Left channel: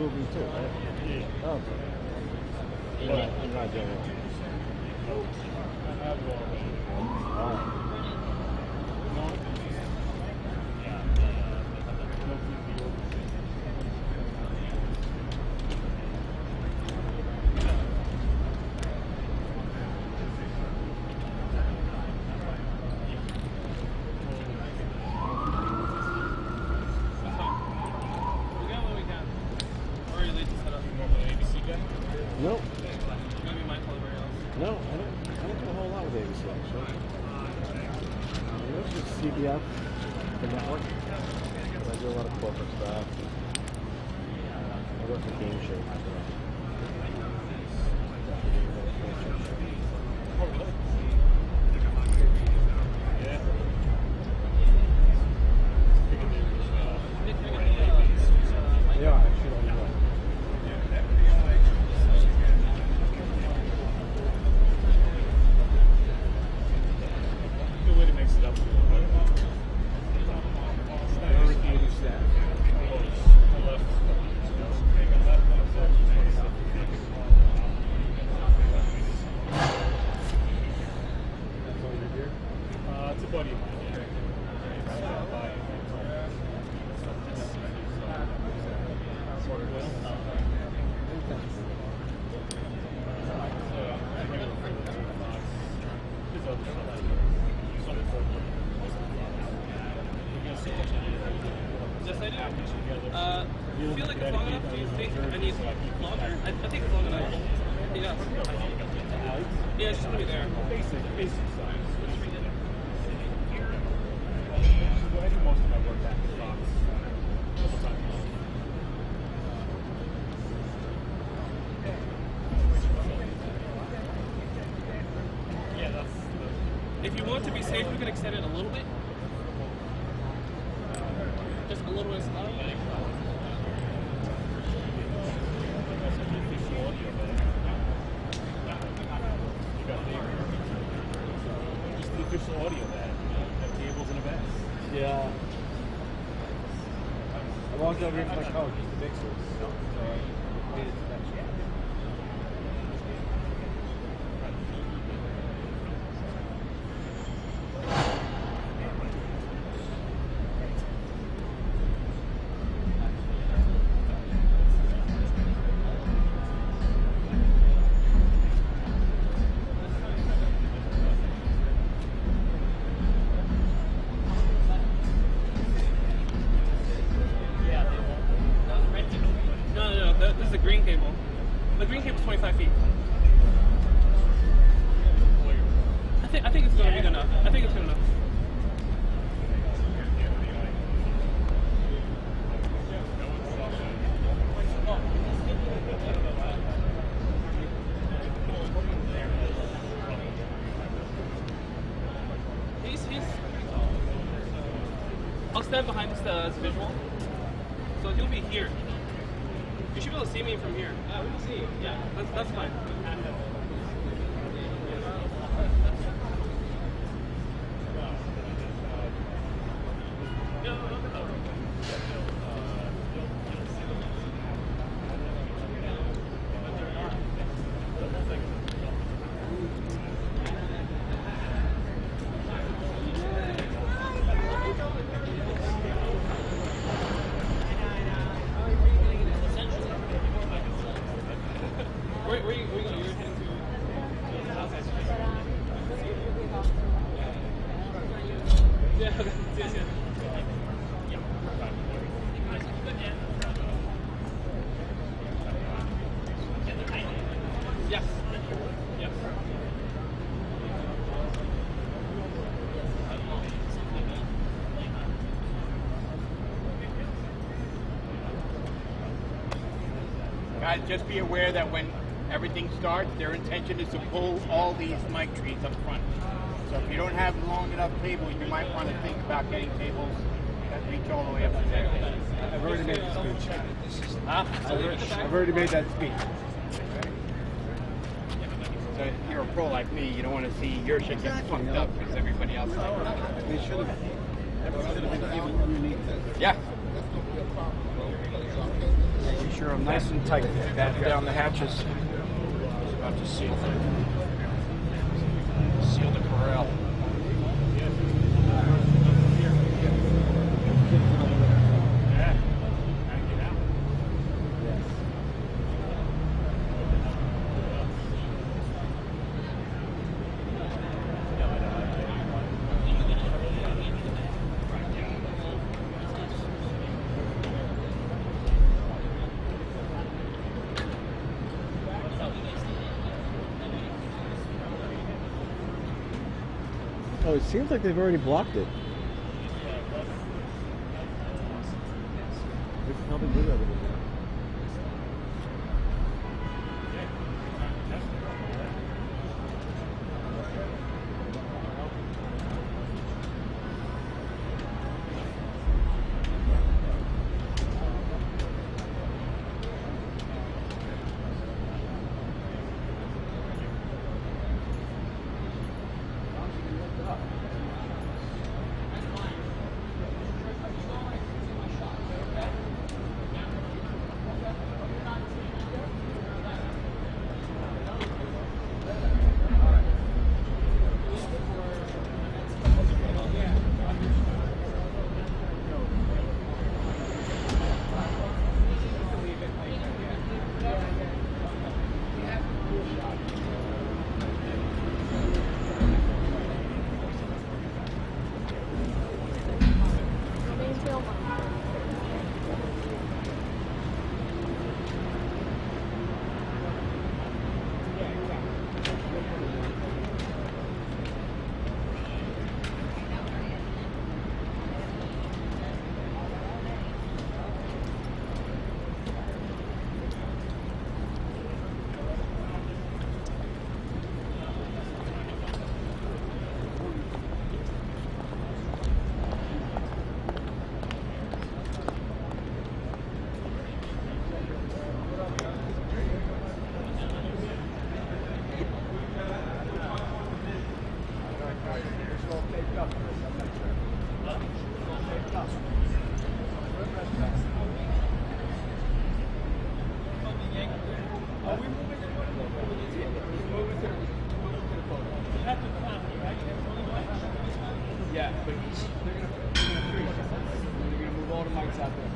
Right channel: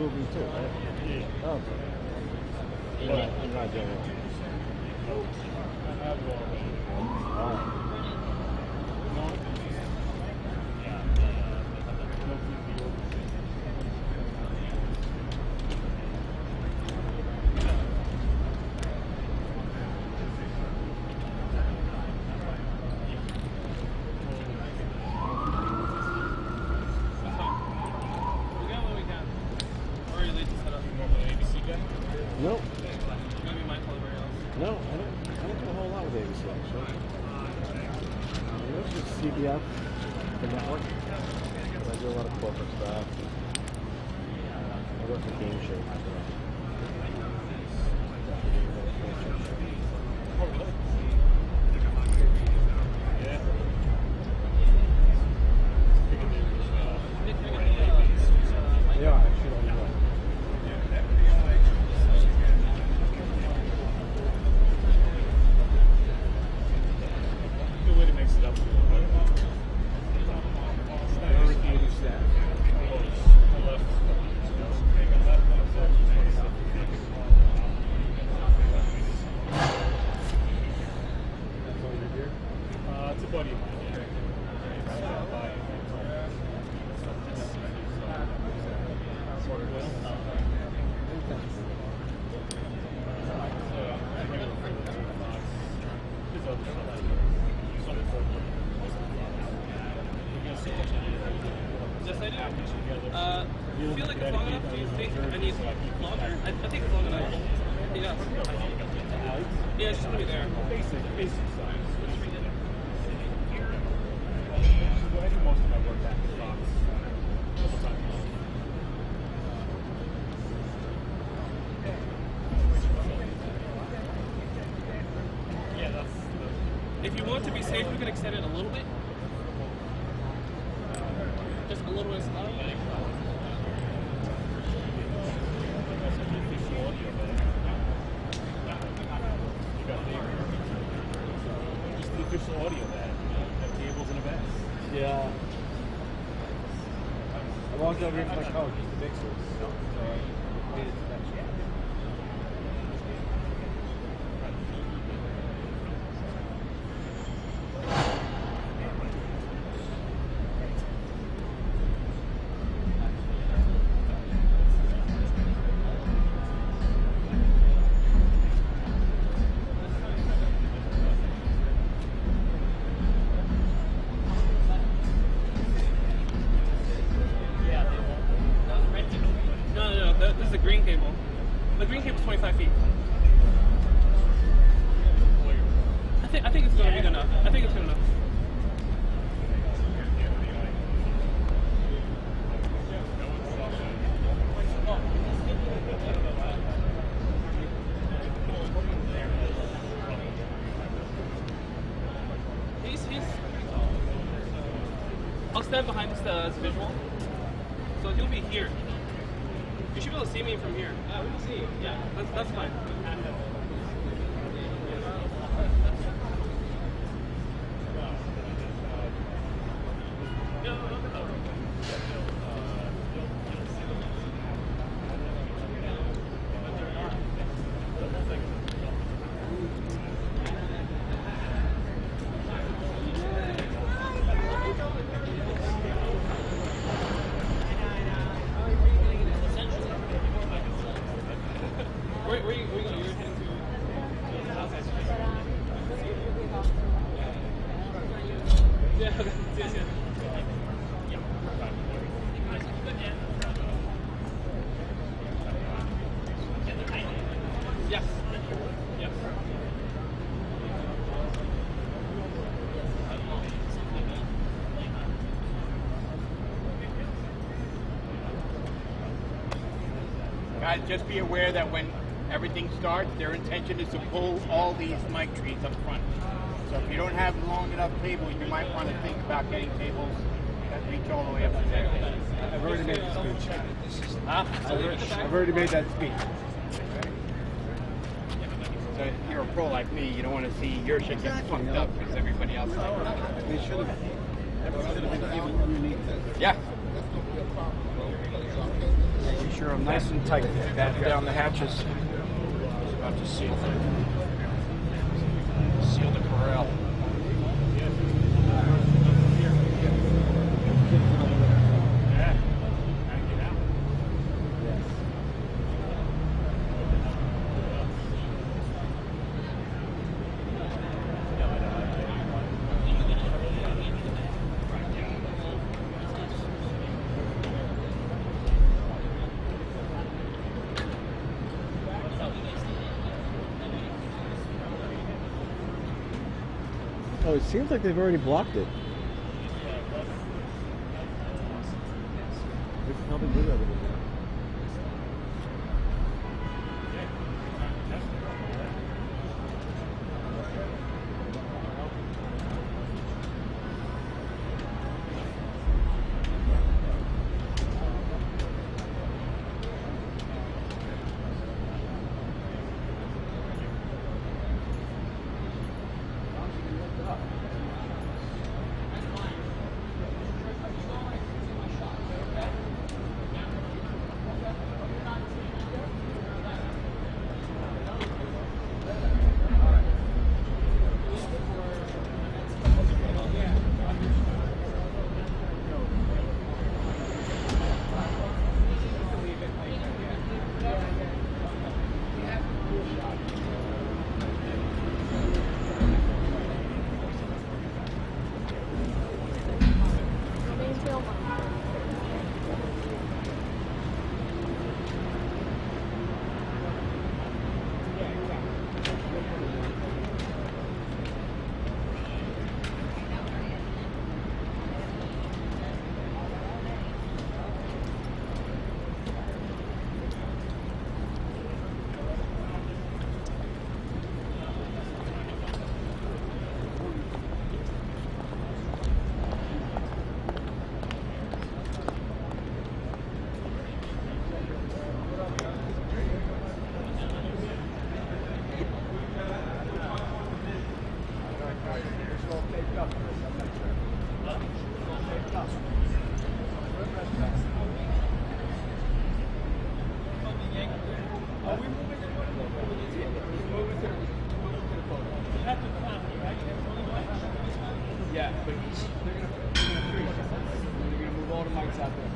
moving too, right? Yeah. Oh, okay. You're not doing it. Oh. Nope. No, I don't do a whole lot with ABC actually. It's just CBF, the network. I do a lot of corporate stuff. I work for game shows. They are actually on the way. It's a buddy of mine. Yes, I do. Feel like it's long enough? Do you think I need longer? I think it's long enough. Yeah. Yeah, it's just gonna be there. Basic size. I do most of my work back in Fox. Yeah, that's. If you want to be safe, we can extend it a little bit. Just a little bit slow. Just the official audio that have tables and events. Yeah. I walked over here for my coach, just the mixers. So I made it special. This is the green cable. The green cable's 25 feet. I think it's going to be good enough. I think it's good enough. I'll stand behind this visual. So he'll be here. You should be able to see me from here. Yeah, we can see you. Yeah, that's fine. Where are you going? You're heading to? Yeah, okay. Yes. Yes. Yes. Guys, just be aware that when everything starts, their intention is to pull all these mic trees up front. So if you don't have long enough tables, you might want to think about getting tables that reach all the way up to there. I've already made the speech. Huh? I've already made that speech. So if you're a pro like me, you don't want to see your shit get fucked up because everybody else is like, They should have been even underneath this. yeah. You sure I'm nice and tight. Batten down the hatches. About to seal the corral. Oh, it seems like they've already blocked it. They probably do that over there. Yeah, but they're gonna freeze. They're gonna move all the mics out there.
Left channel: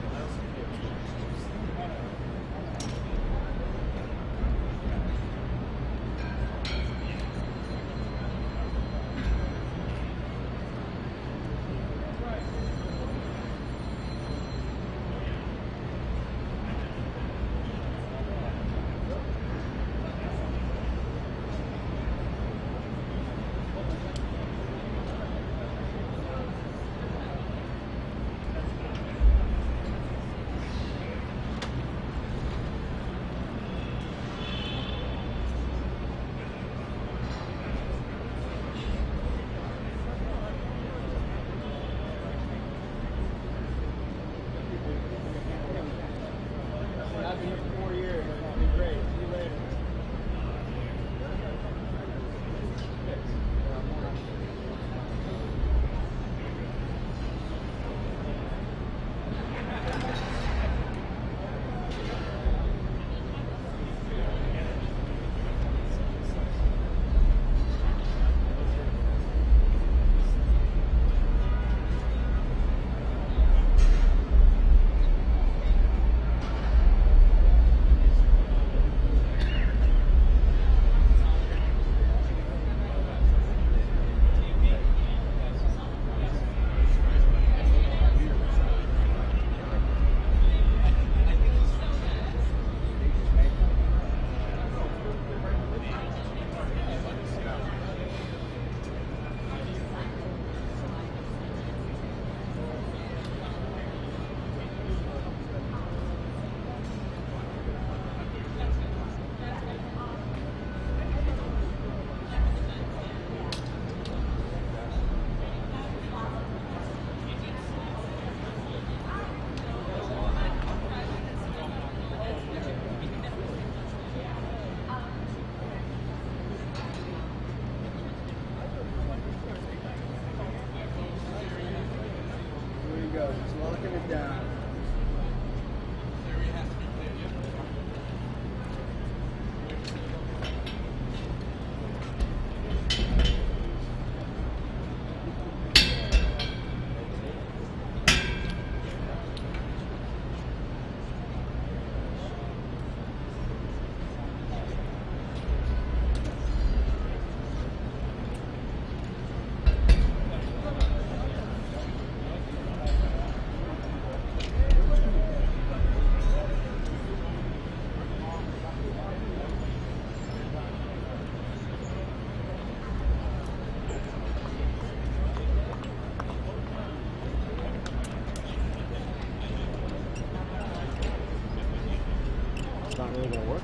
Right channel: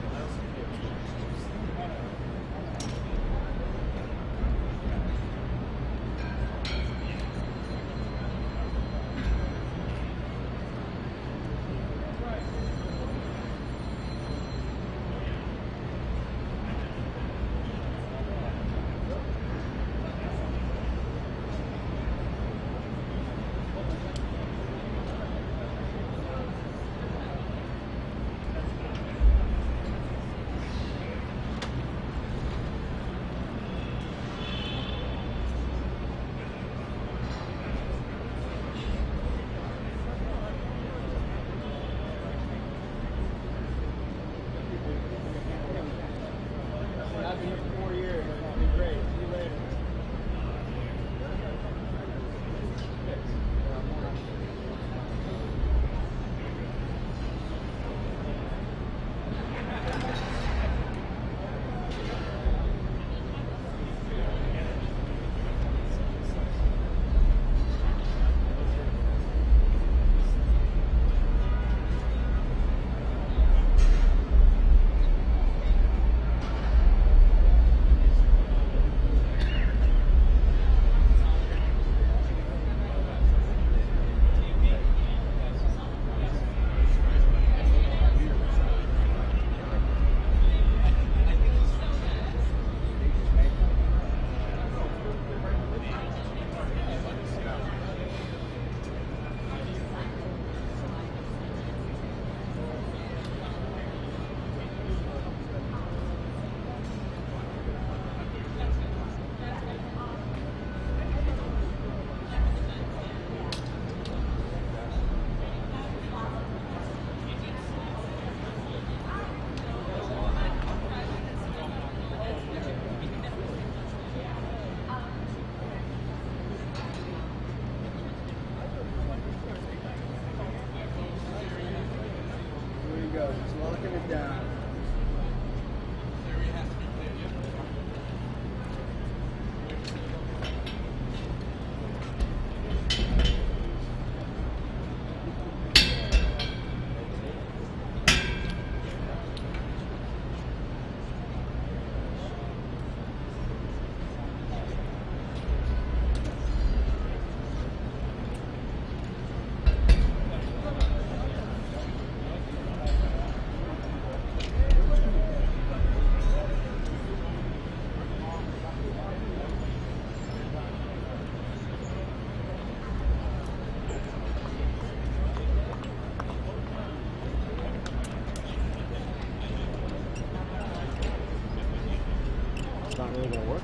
it's not really going to work?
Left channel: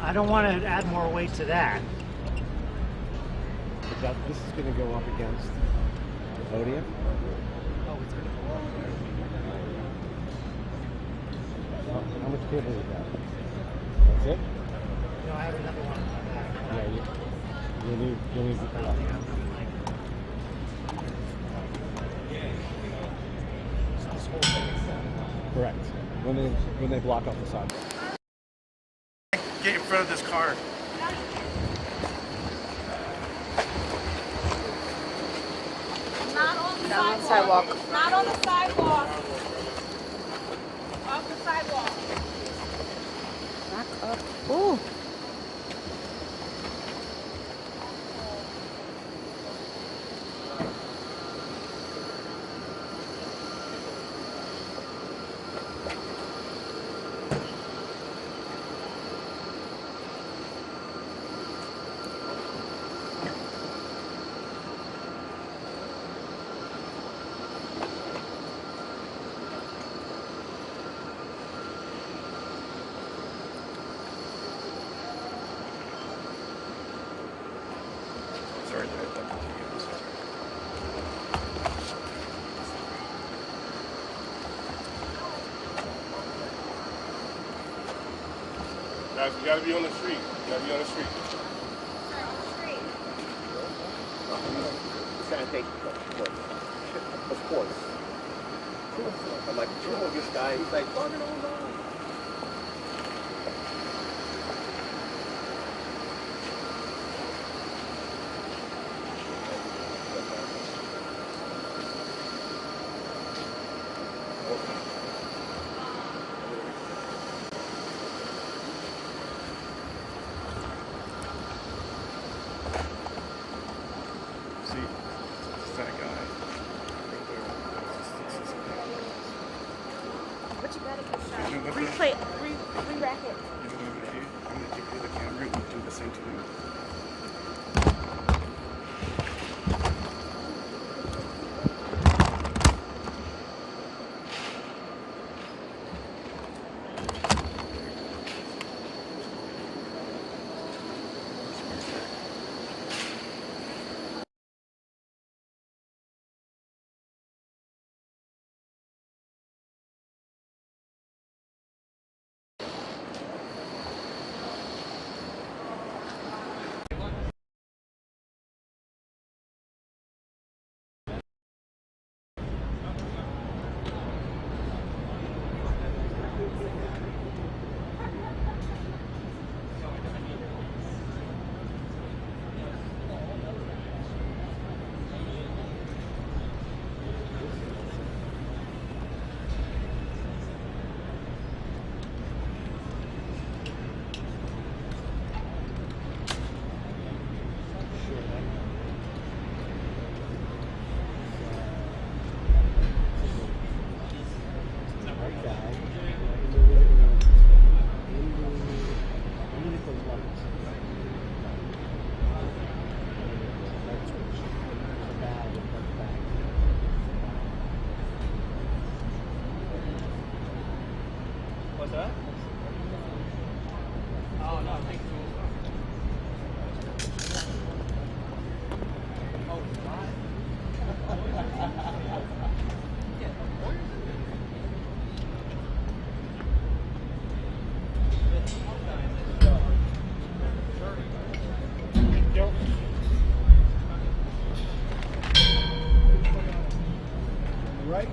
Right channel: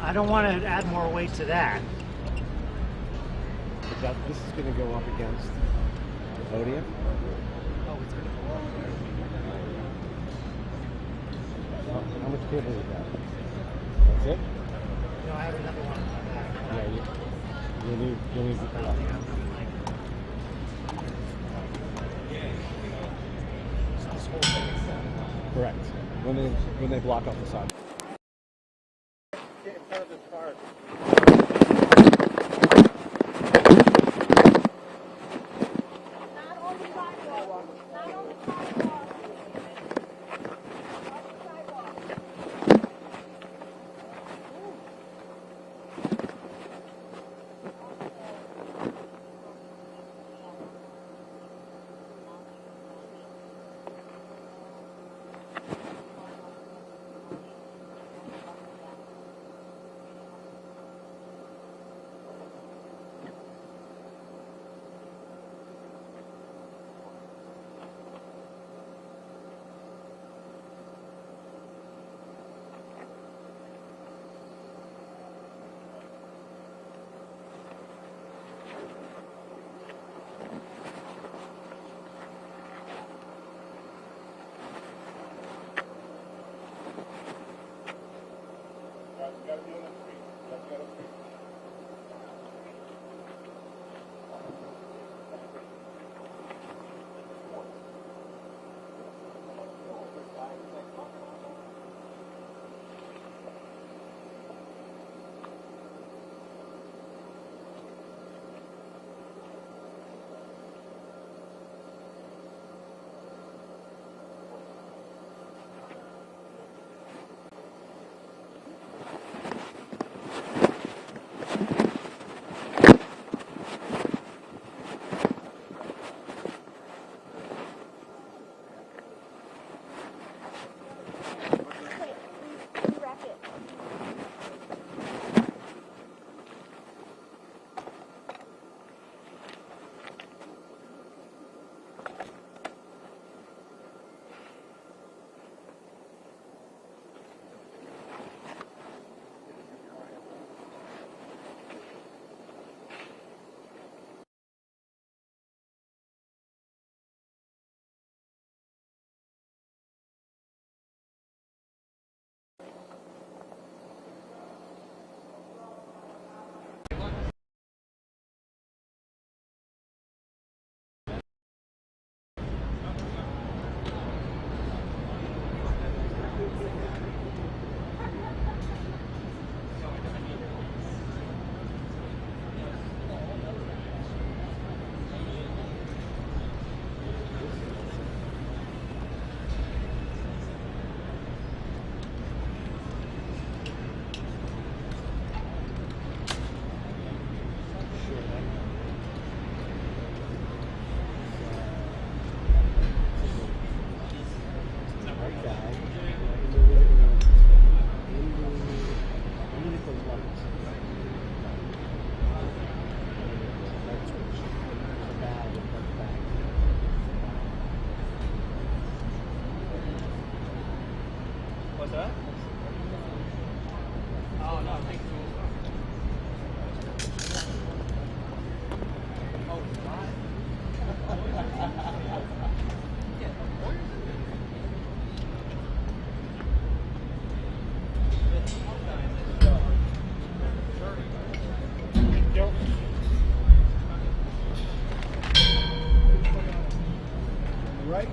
I don't want to add more weight to that. But this is going to go up against the podium. Oh, it's going to go up there. How much cable is that? That's it? No, I have another one on my back. Yeah, you'll need I don't think I'm going to like this whole thing. correct. When they block off the side. Get in front of this car. Not on the sidewalk. Not on the sidewalk. Off the sidewalk. Back up. Ooh. Guys, you gotta be on the street. You gotta be on the street. It's gonna take, of course. I'm like, this guy, he's like, oh, no. What's that? Oh, no, I think Right?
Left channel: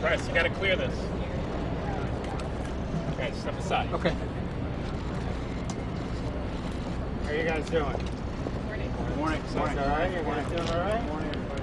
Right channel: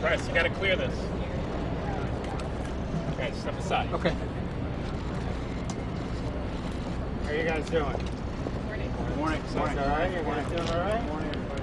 Press, you gotta clear this. Okay, step aside. Okay. How are you guys doing? Morning. All right? You guys doing all right? Morning, everybody.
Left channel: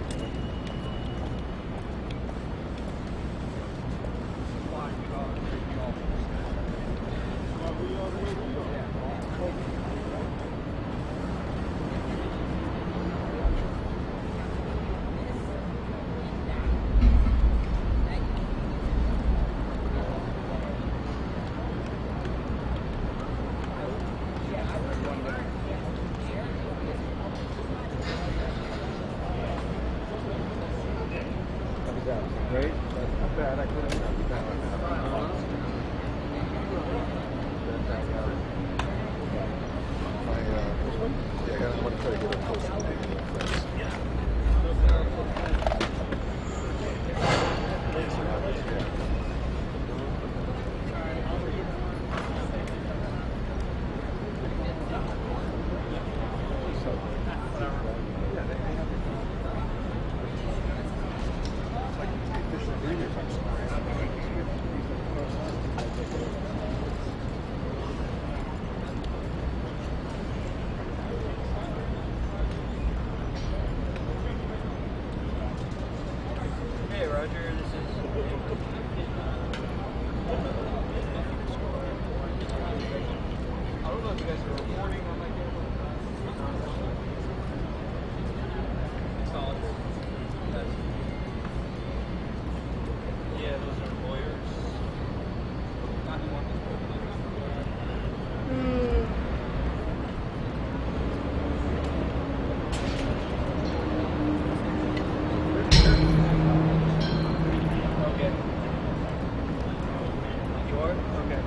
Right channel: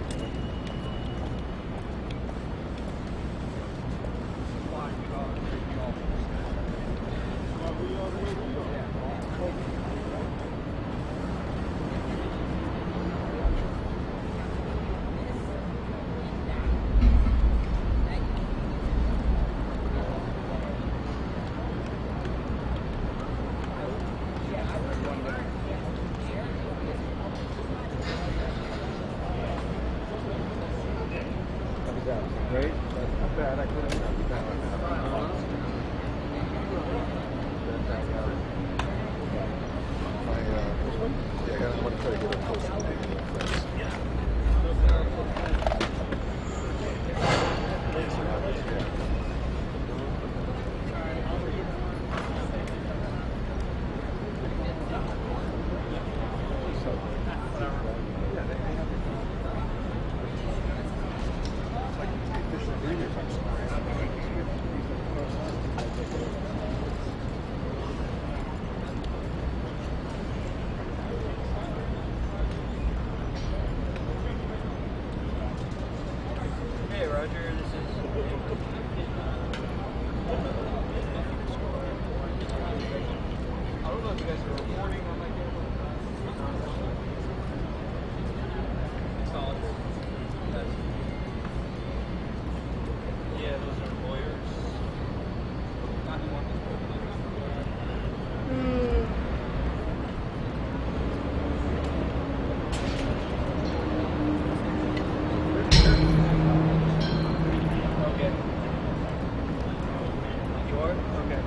card? Okay.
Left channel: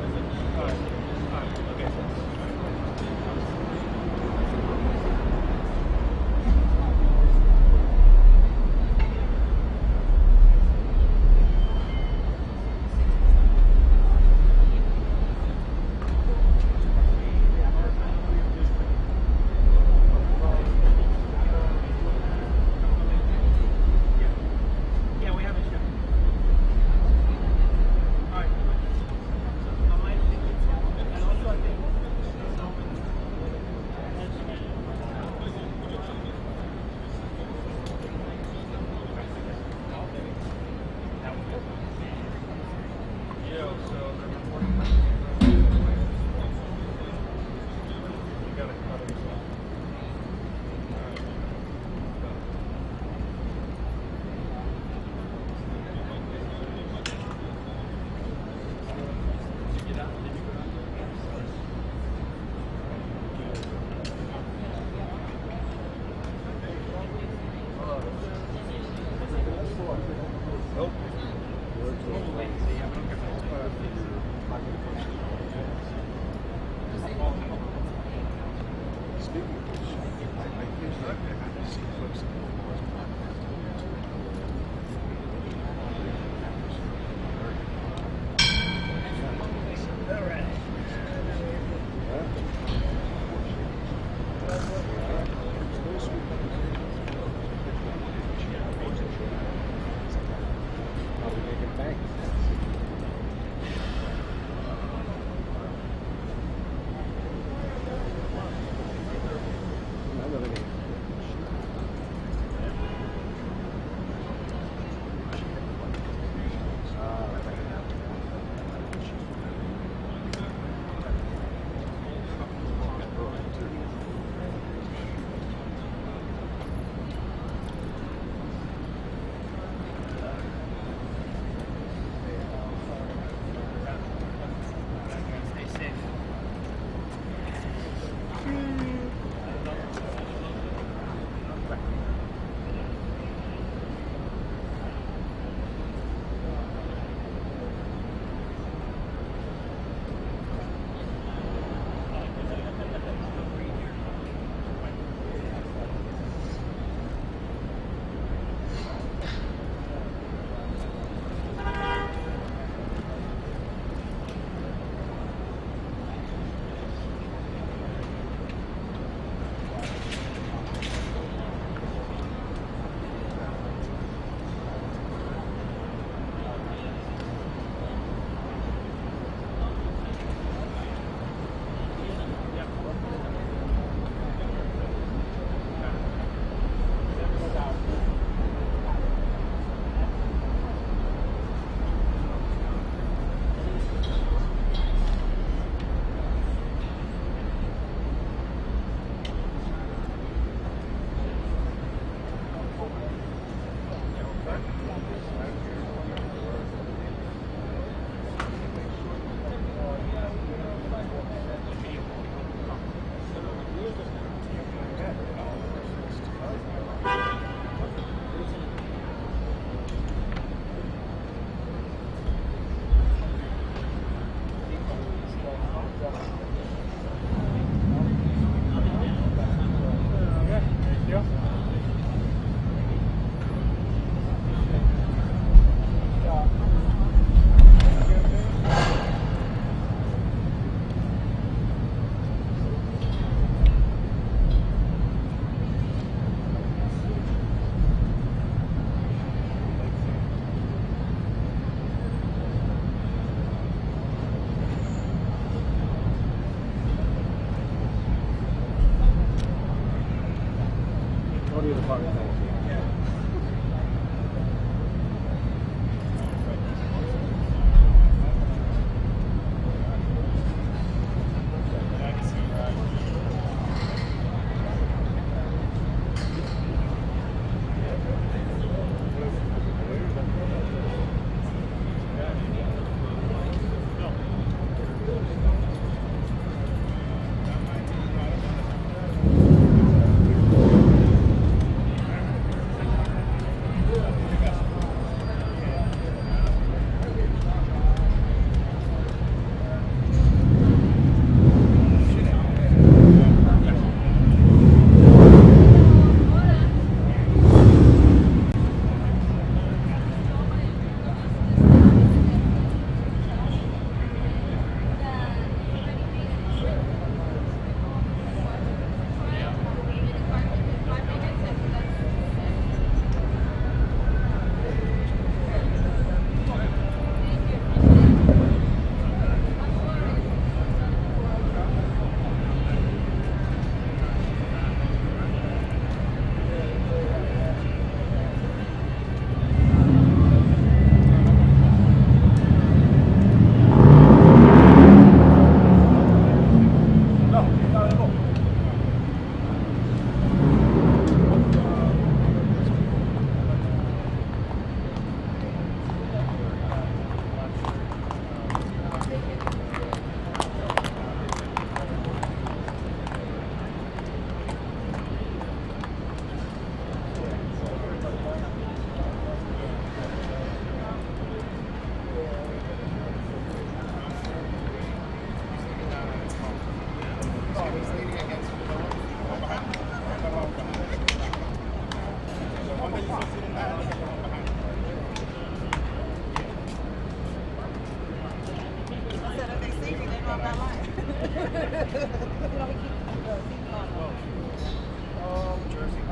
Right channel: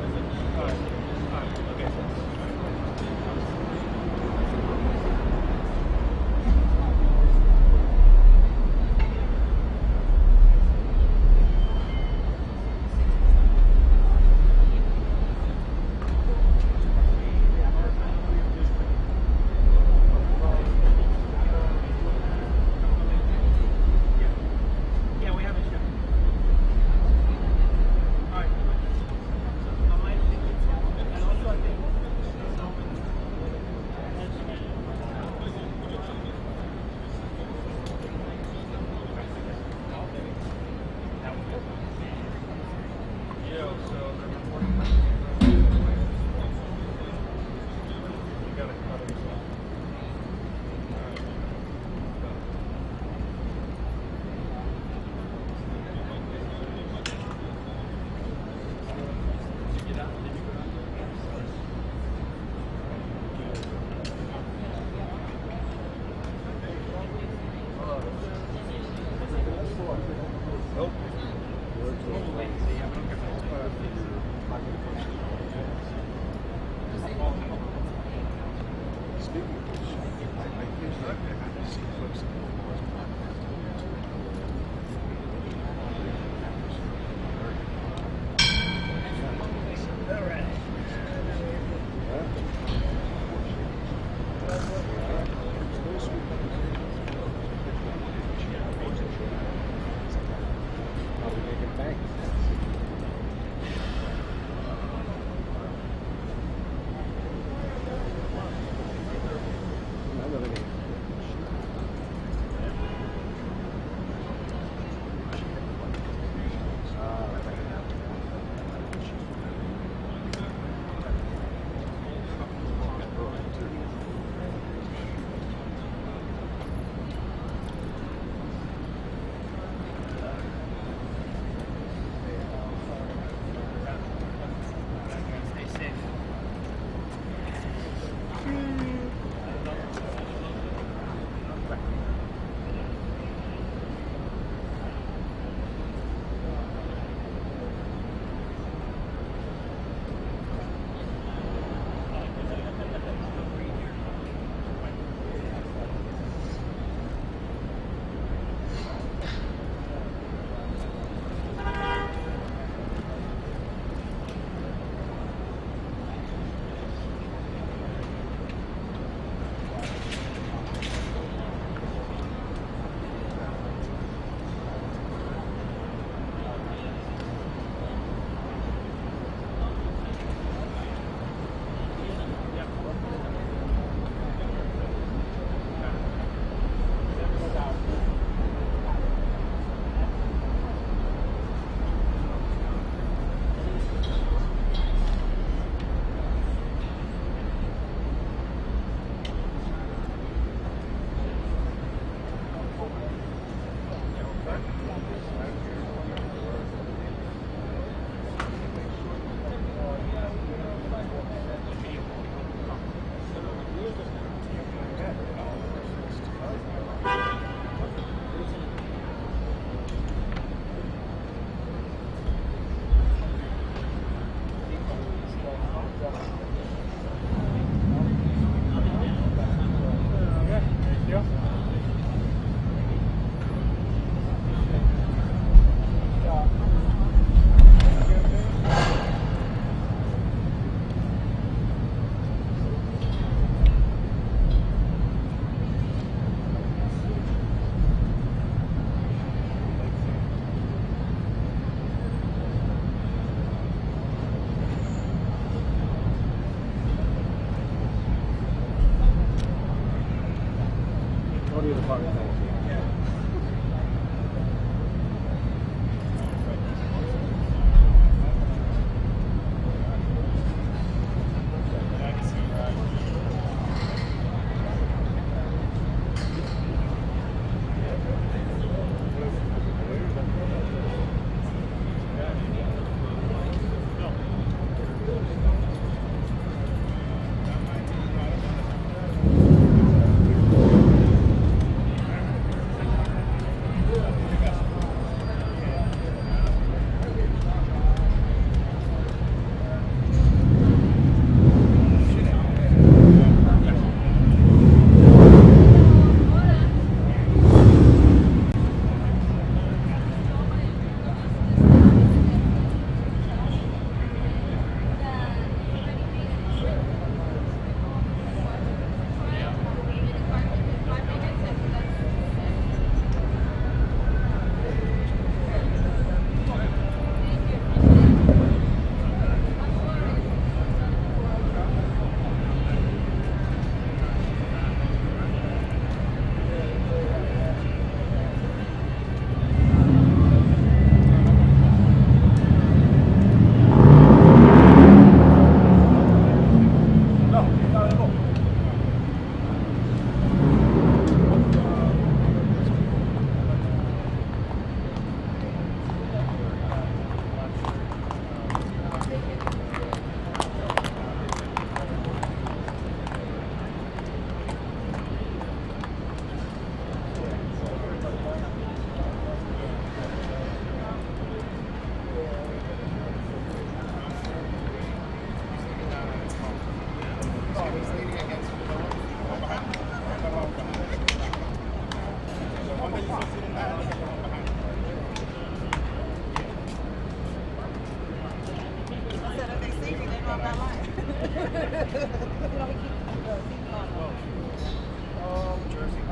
Alright. Alright. Okay. Yeah, we have a show. Alright. And also I think on that line. Oh, Jersey.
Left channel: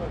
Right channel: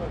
They're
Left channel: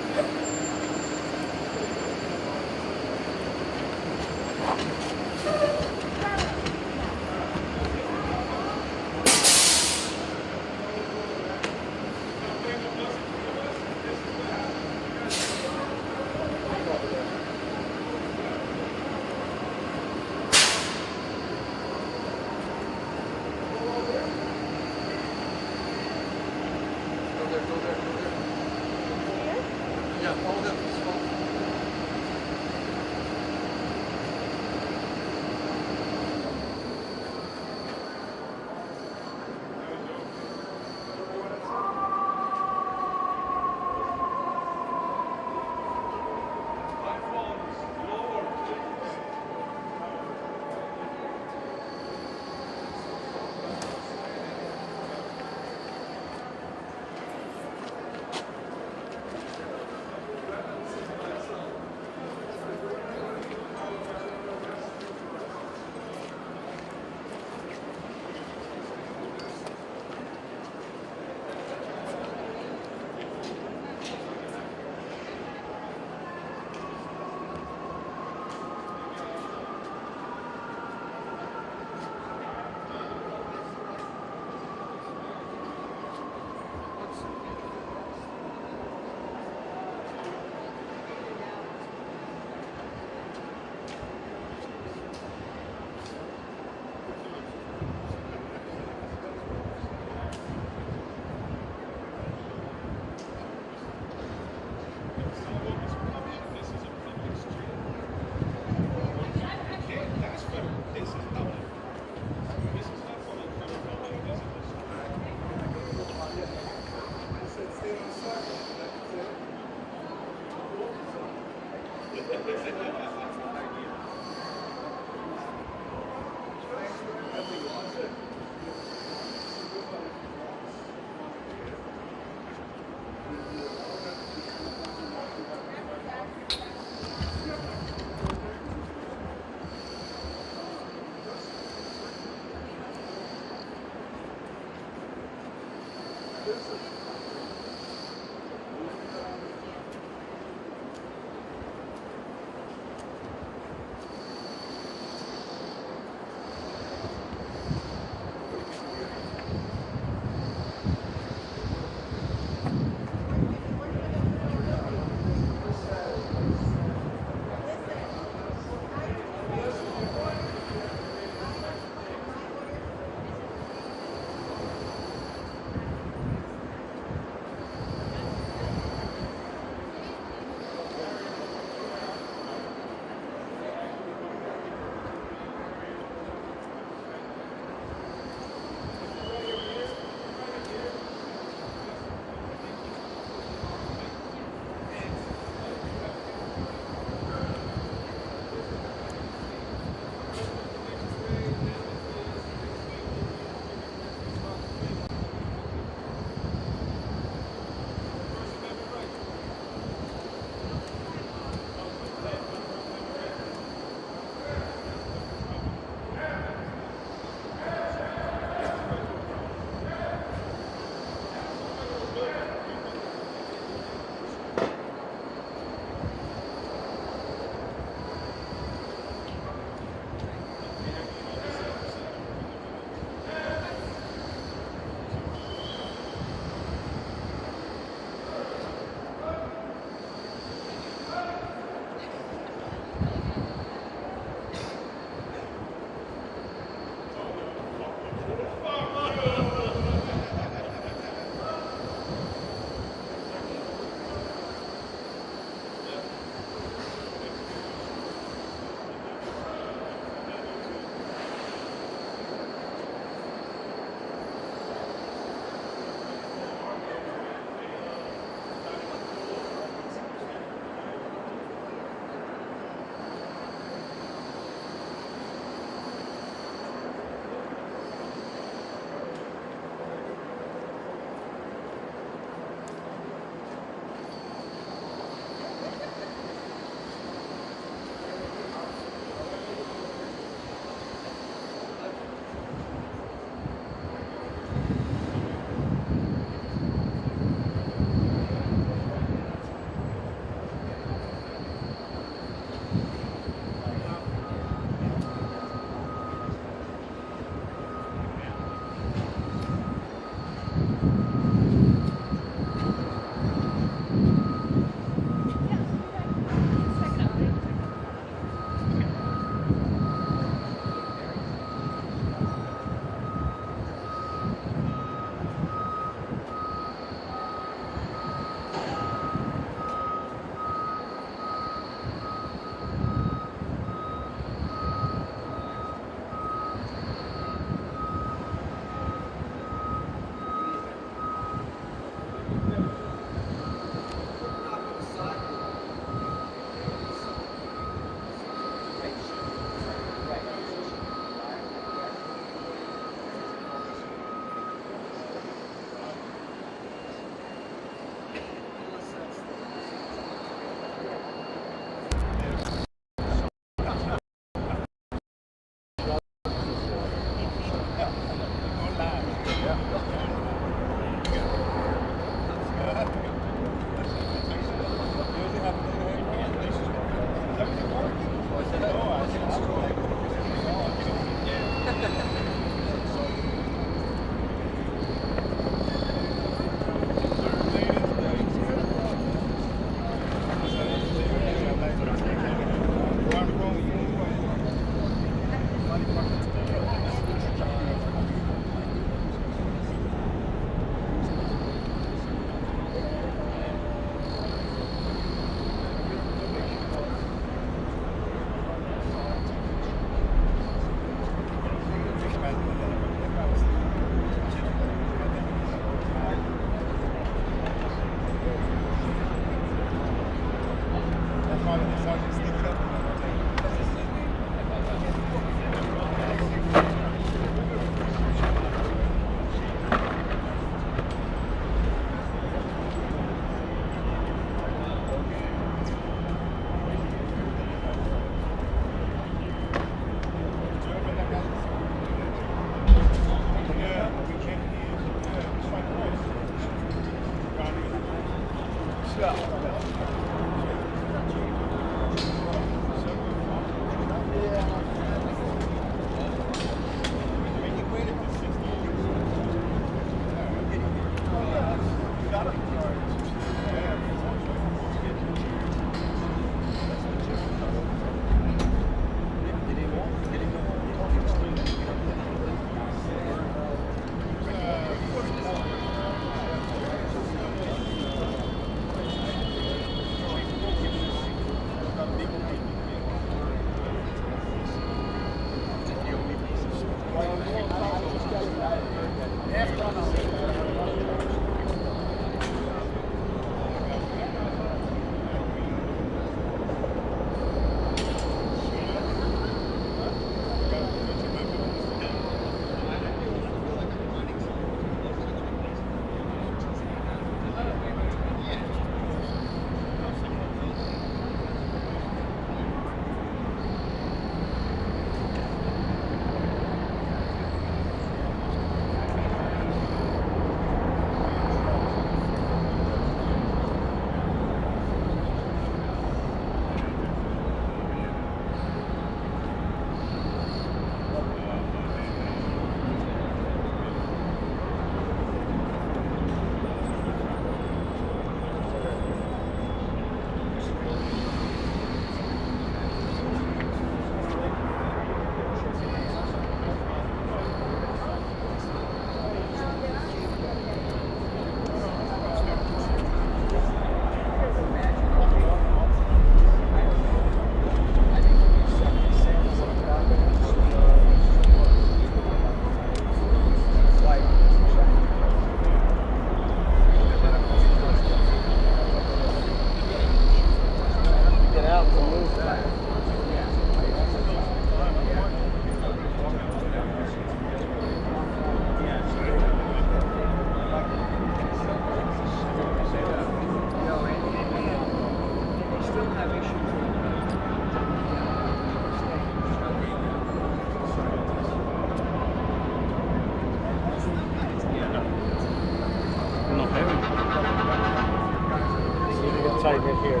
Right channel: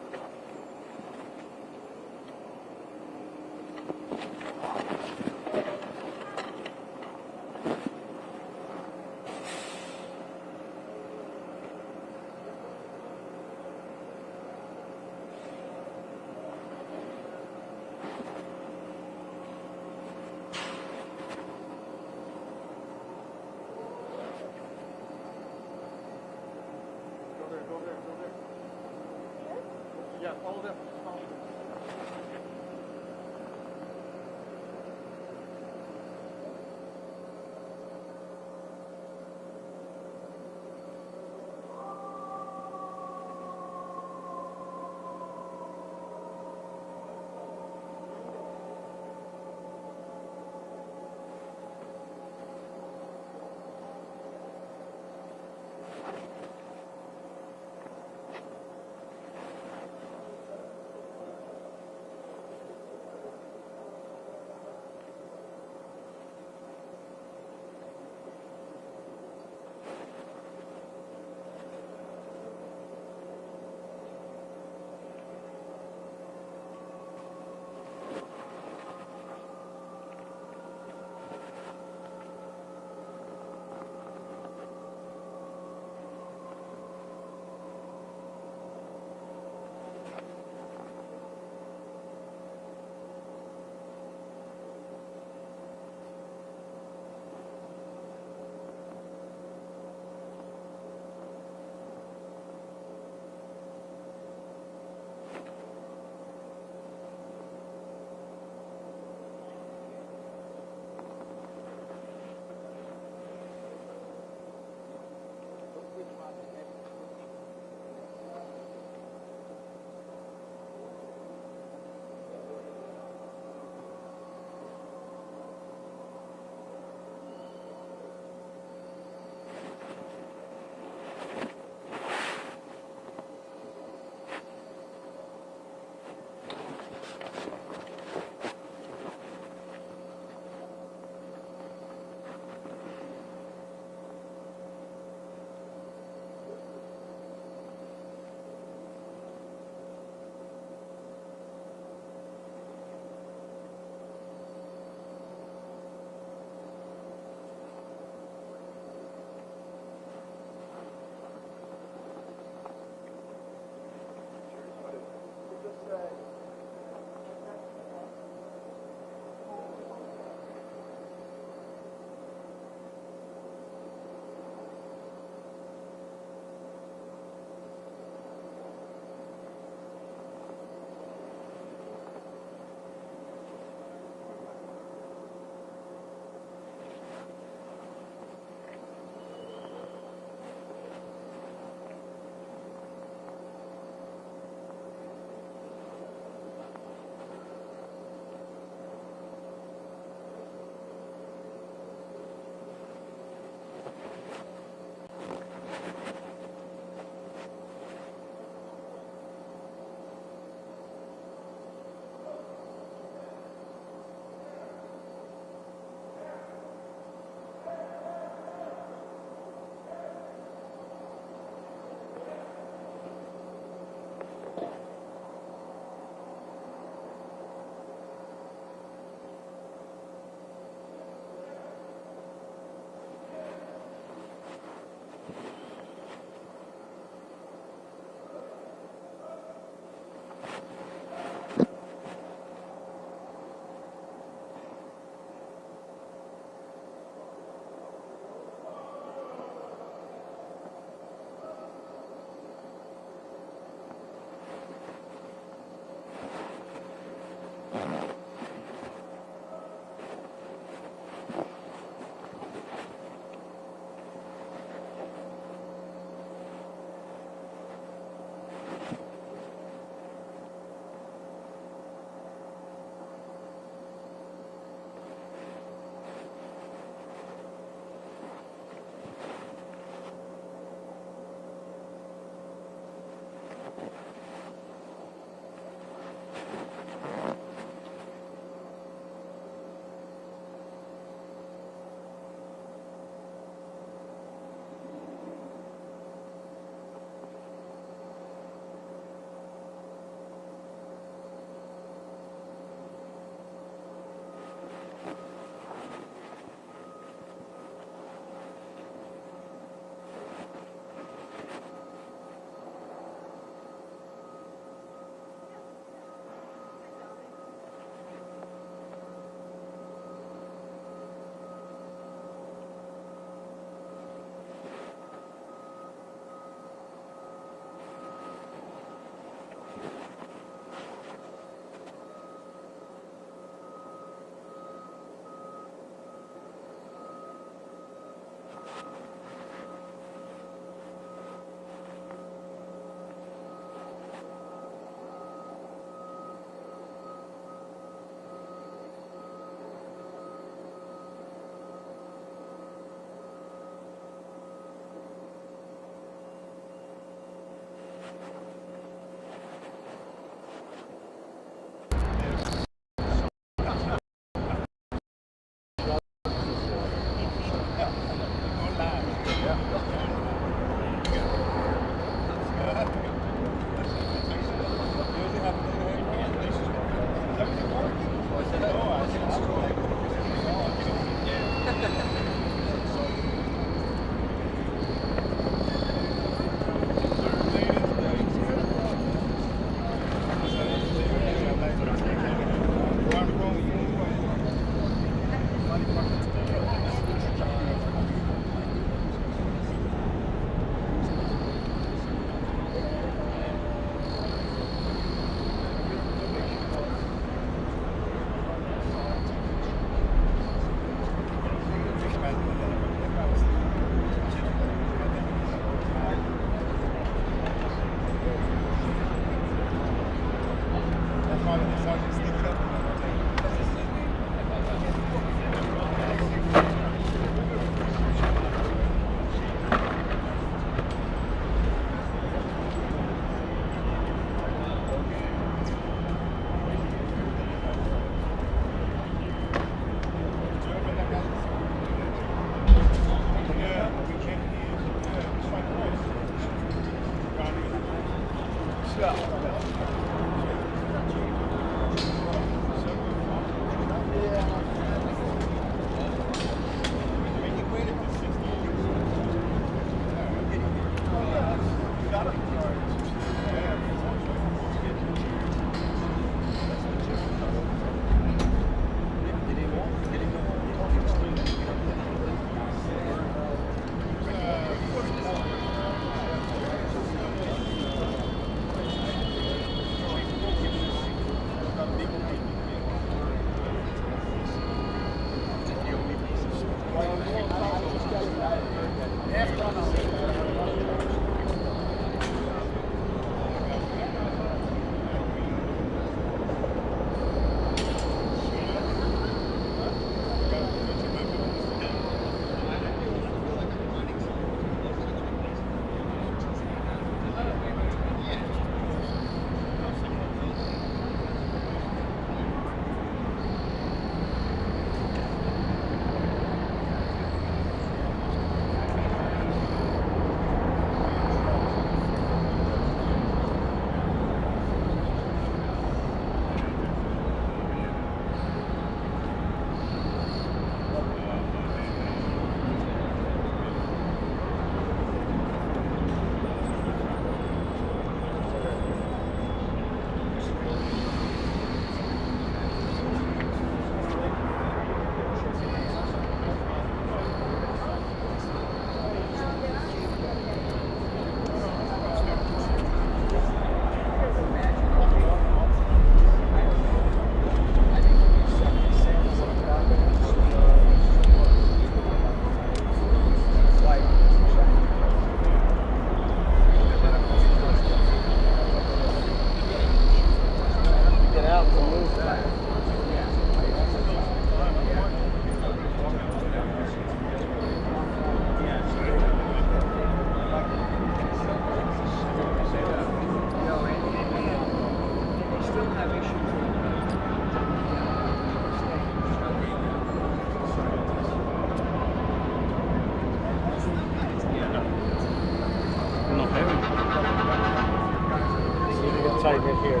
Tighten it here.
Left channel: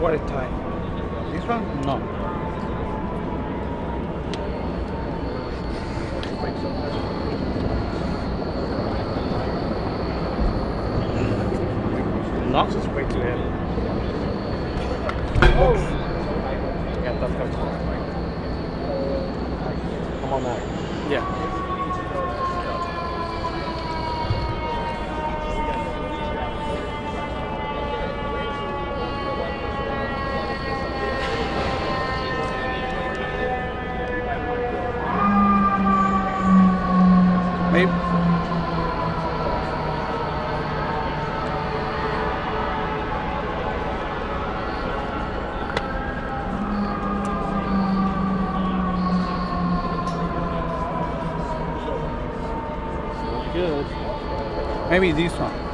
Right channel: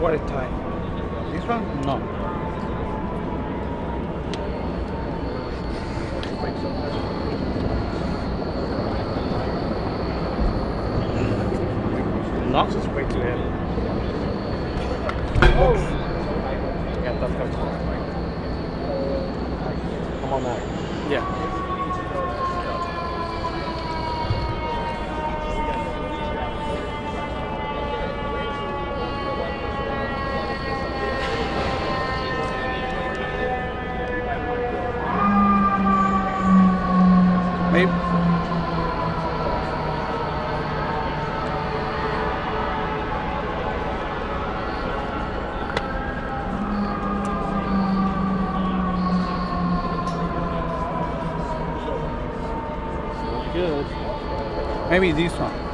What is tight? This one? No. No, it's way too heavy. Yeah, that's good. Come on now. Yeah. Maybe. Good. Maybe this one.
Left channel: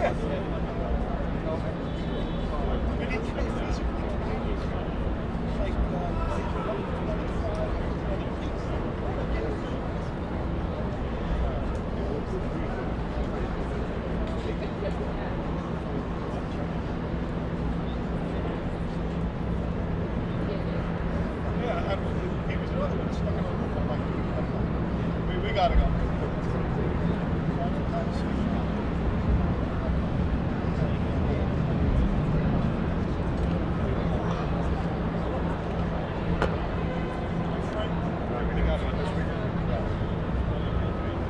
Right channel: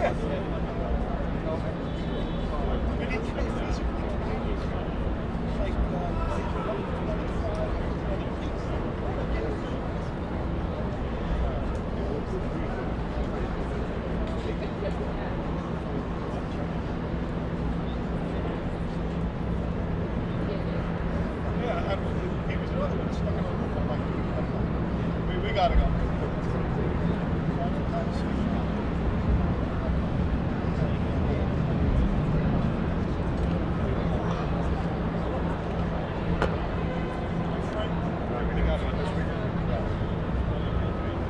We gotta go.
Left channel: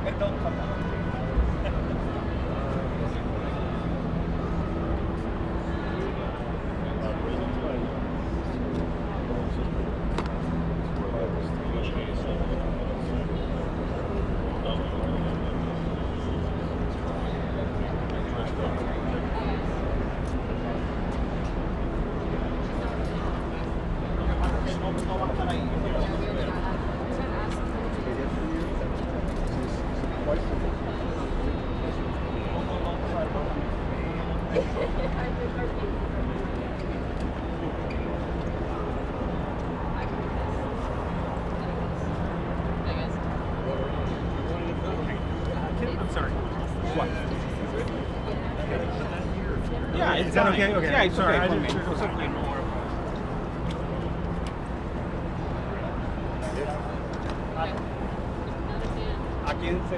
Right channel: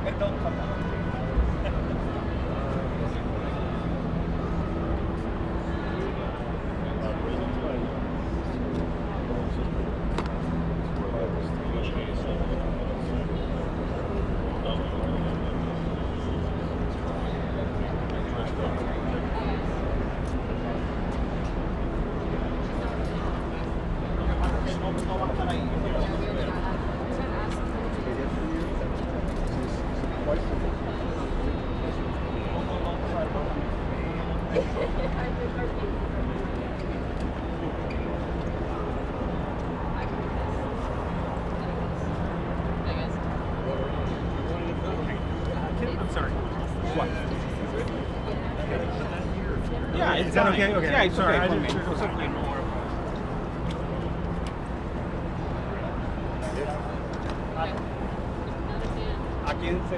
And don't come out. Yeah, it's Is that fine. okay? Okay. Yeah, it's Sorry, okay. I for me. didn't- It's okay. No worries. ¿A quién se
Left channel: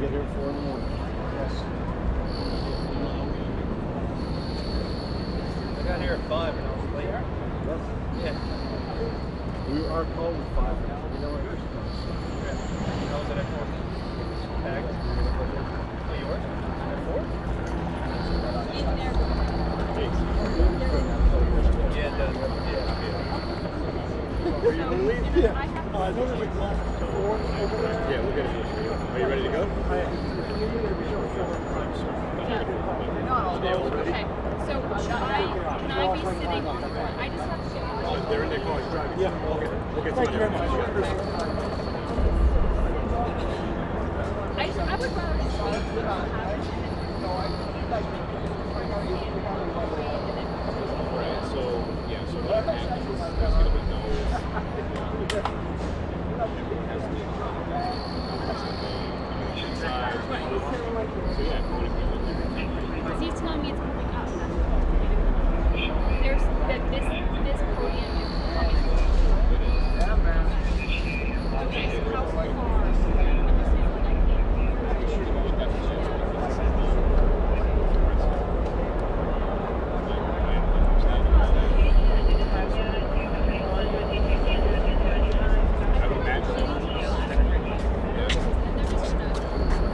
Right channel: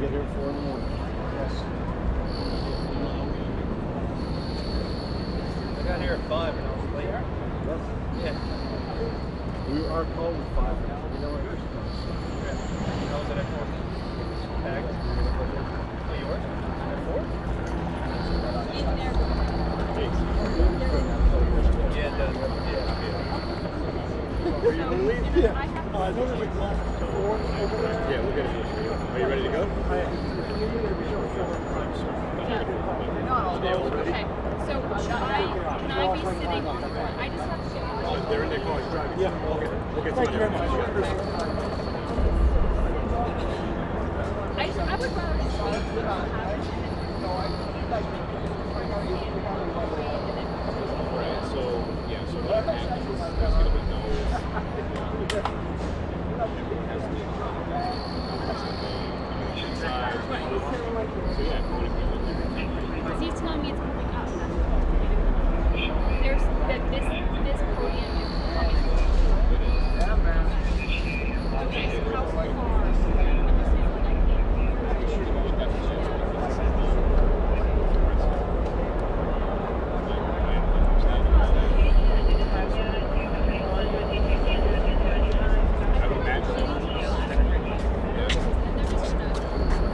get here at 4 in the morning. Yes. I got here at 5 and I was late. Yes. Yeah. We are called at 5 now. We know where yours is. I was at 4. Tagged. Oh, yours? At 4? Yeah, it does. Were you going to leave? Yeah. I know there's a class at 4 over there. Yeah, we'll get it. Are you ready to go? Okay, so can I be sitting on the front? I just have to get They're in their cars driving. Yeah. We'll get Thank you very much. I would rather just Right, so, yeah, so what happens is there's going to be no... Inside. So, yeah,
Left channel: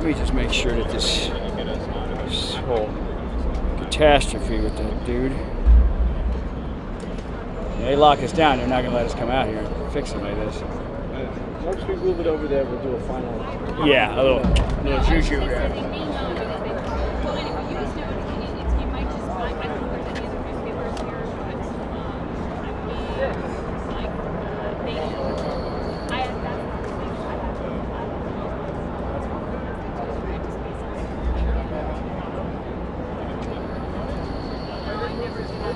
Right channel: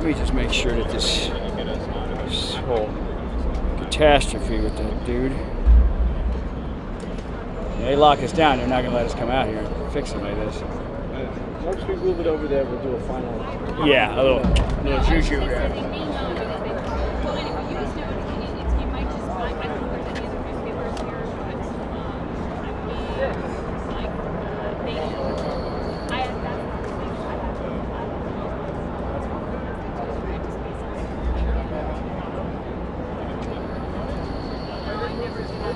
Let me just make sure that this whole catastrophe with that dude. Yeah, they lock us down. They're not going to let us come out here and fix it like this. Once we move it over there, we'll do a final. Yeah, a little juju. Well, anyway, you just know it might just, I don't know if there's any other newspapers here, but I mean, like, they, I had that conversation, I don't know. I never do that.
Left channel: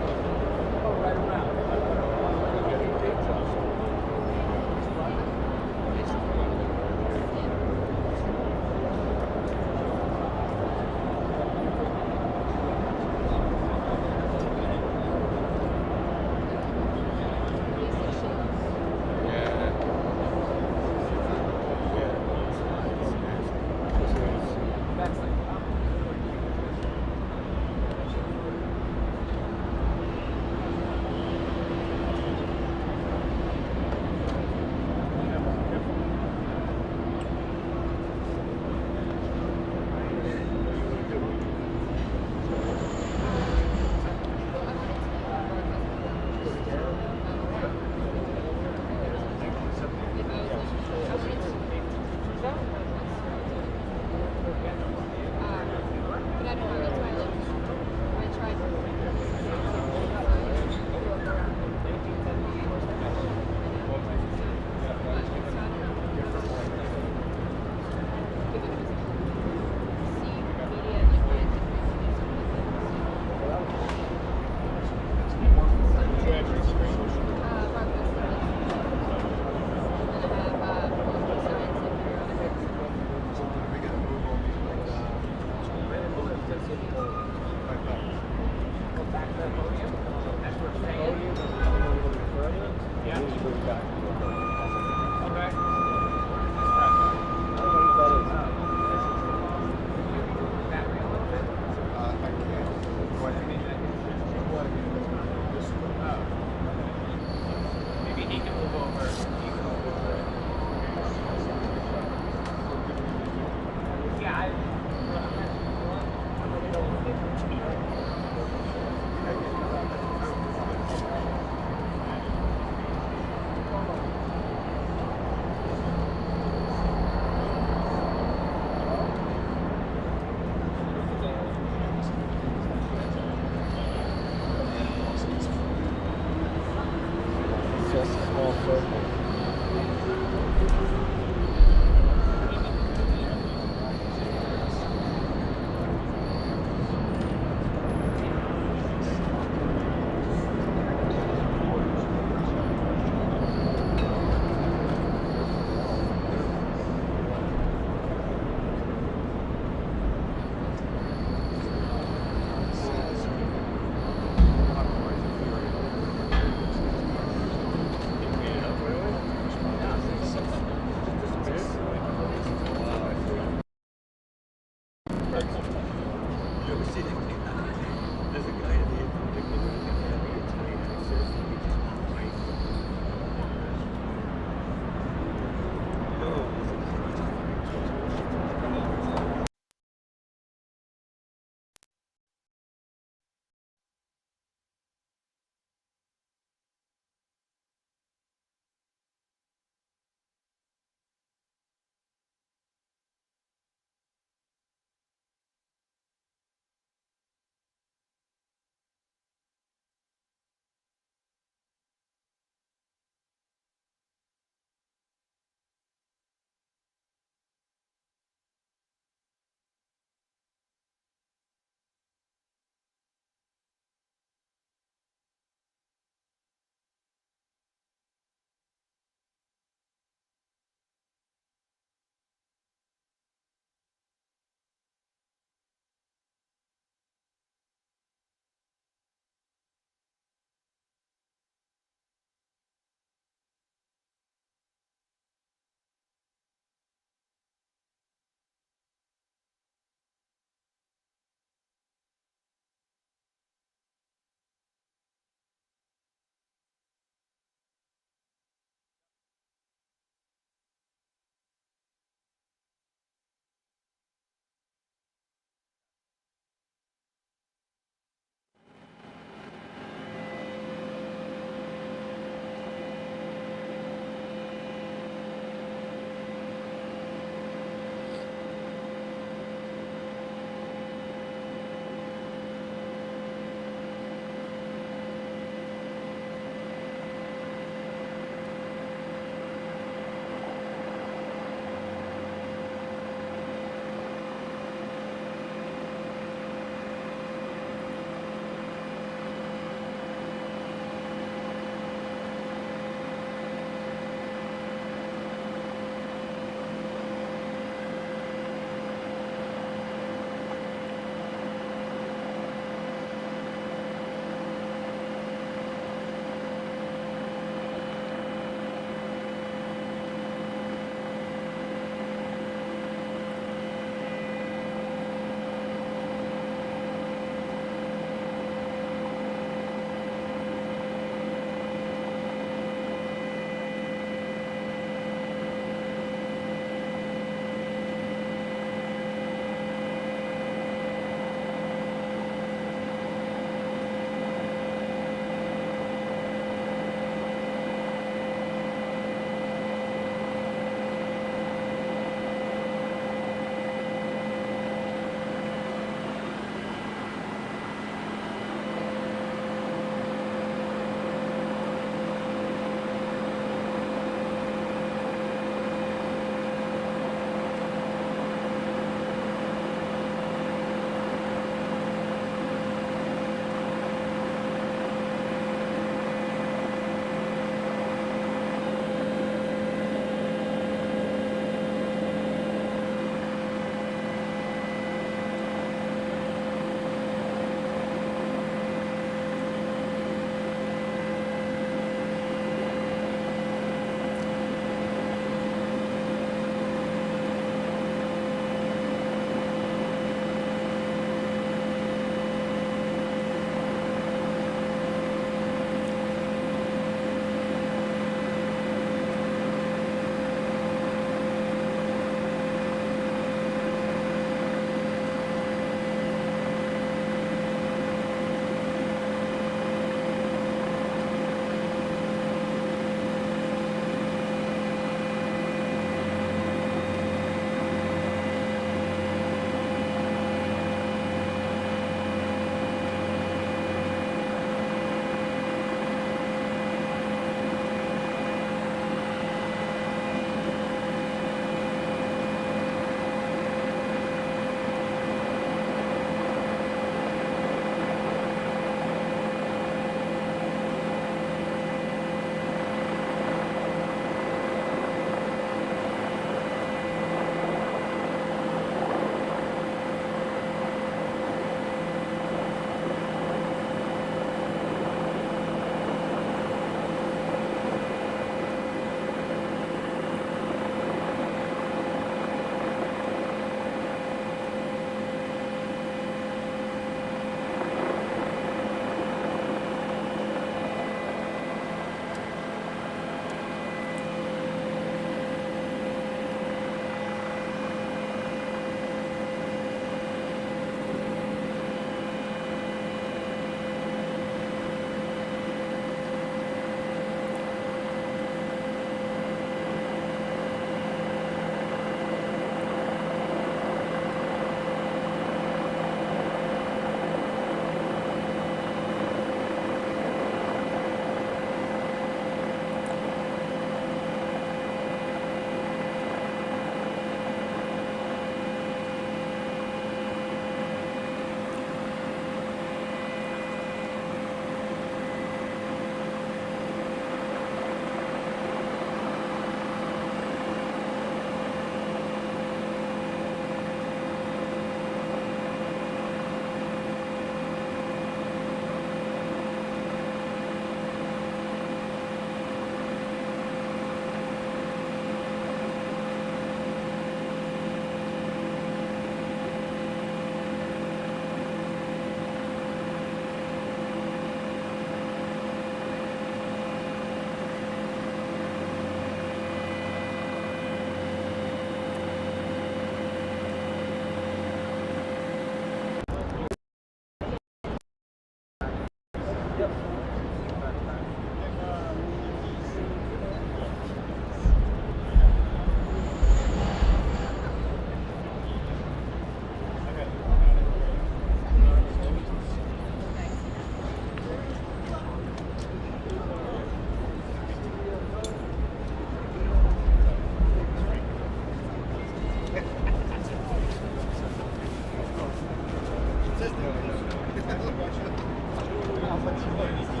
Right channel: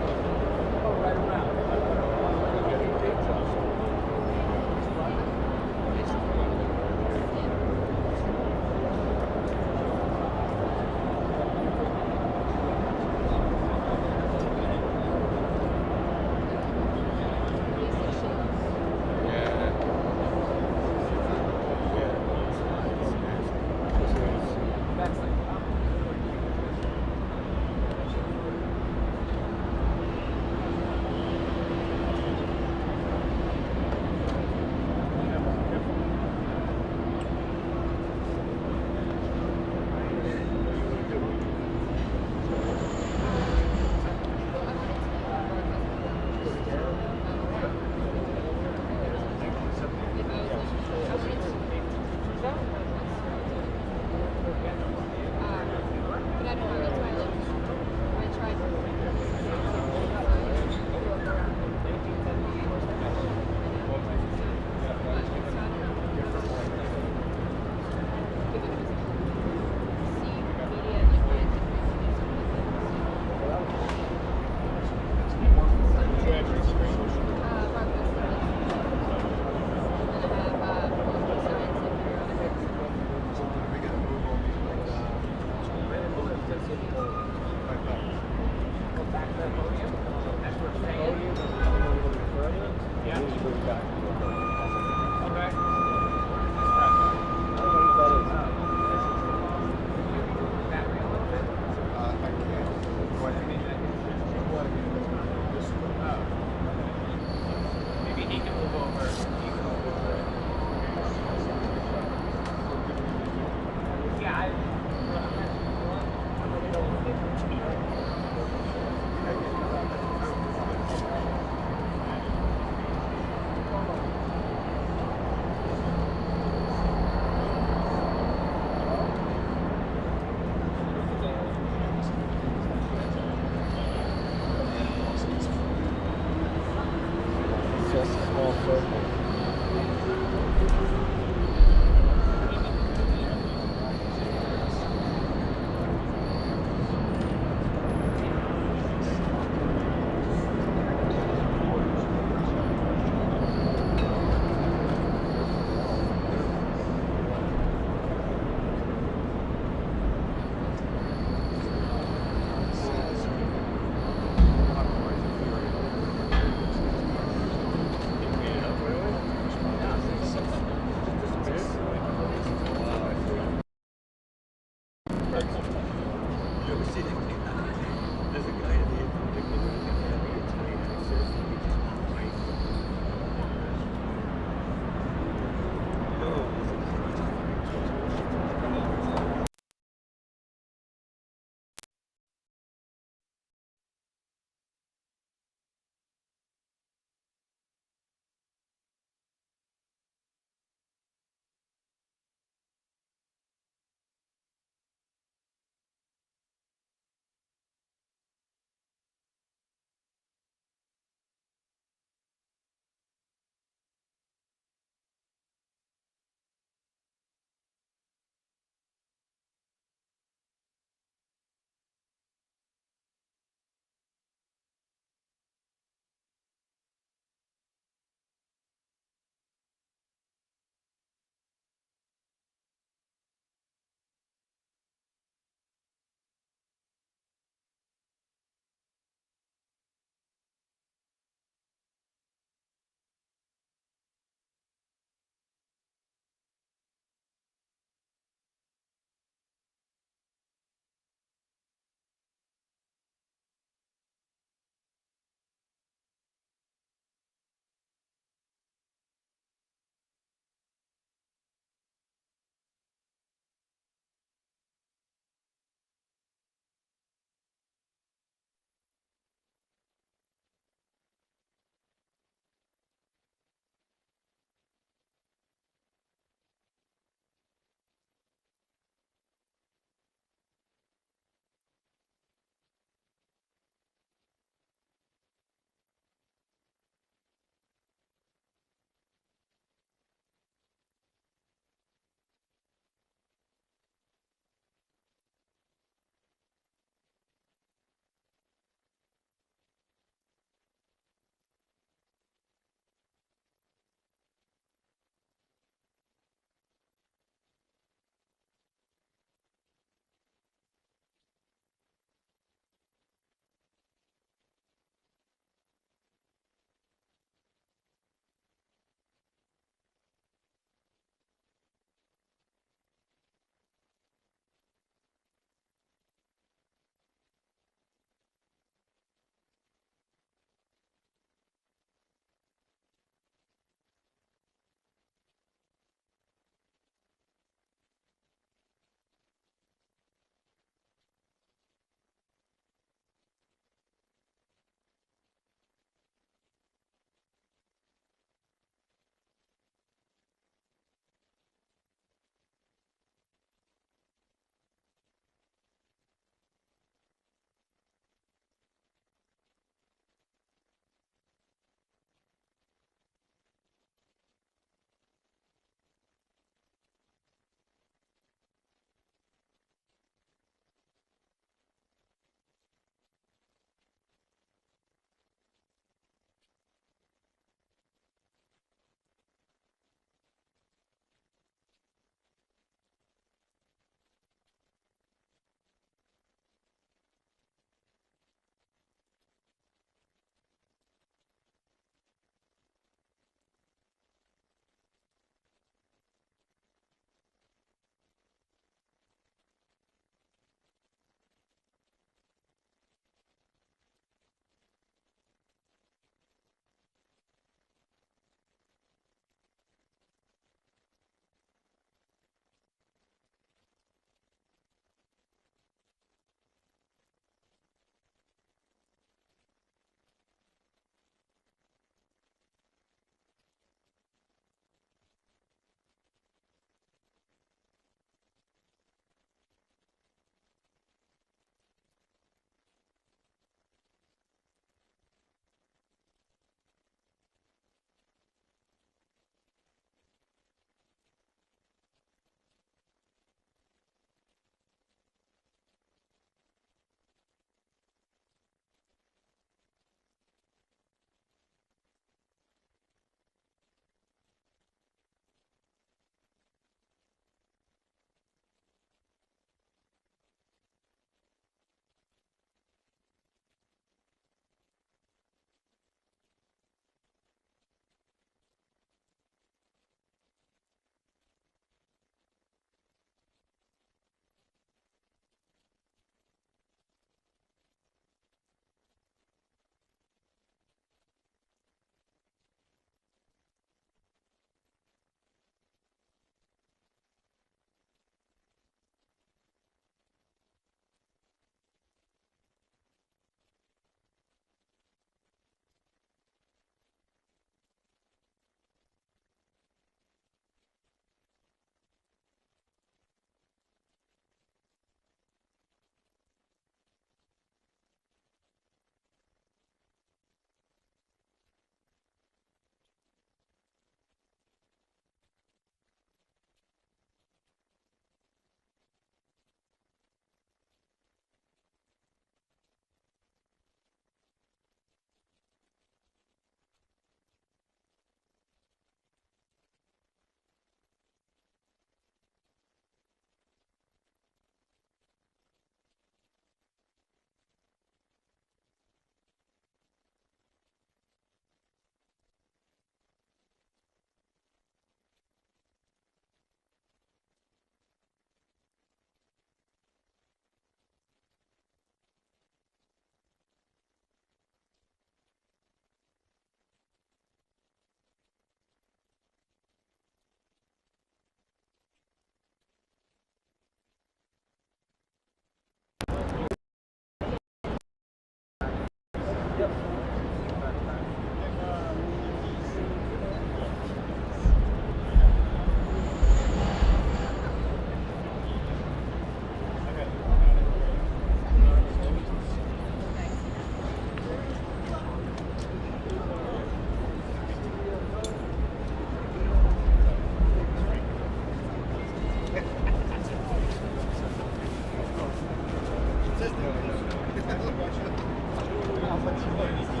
How much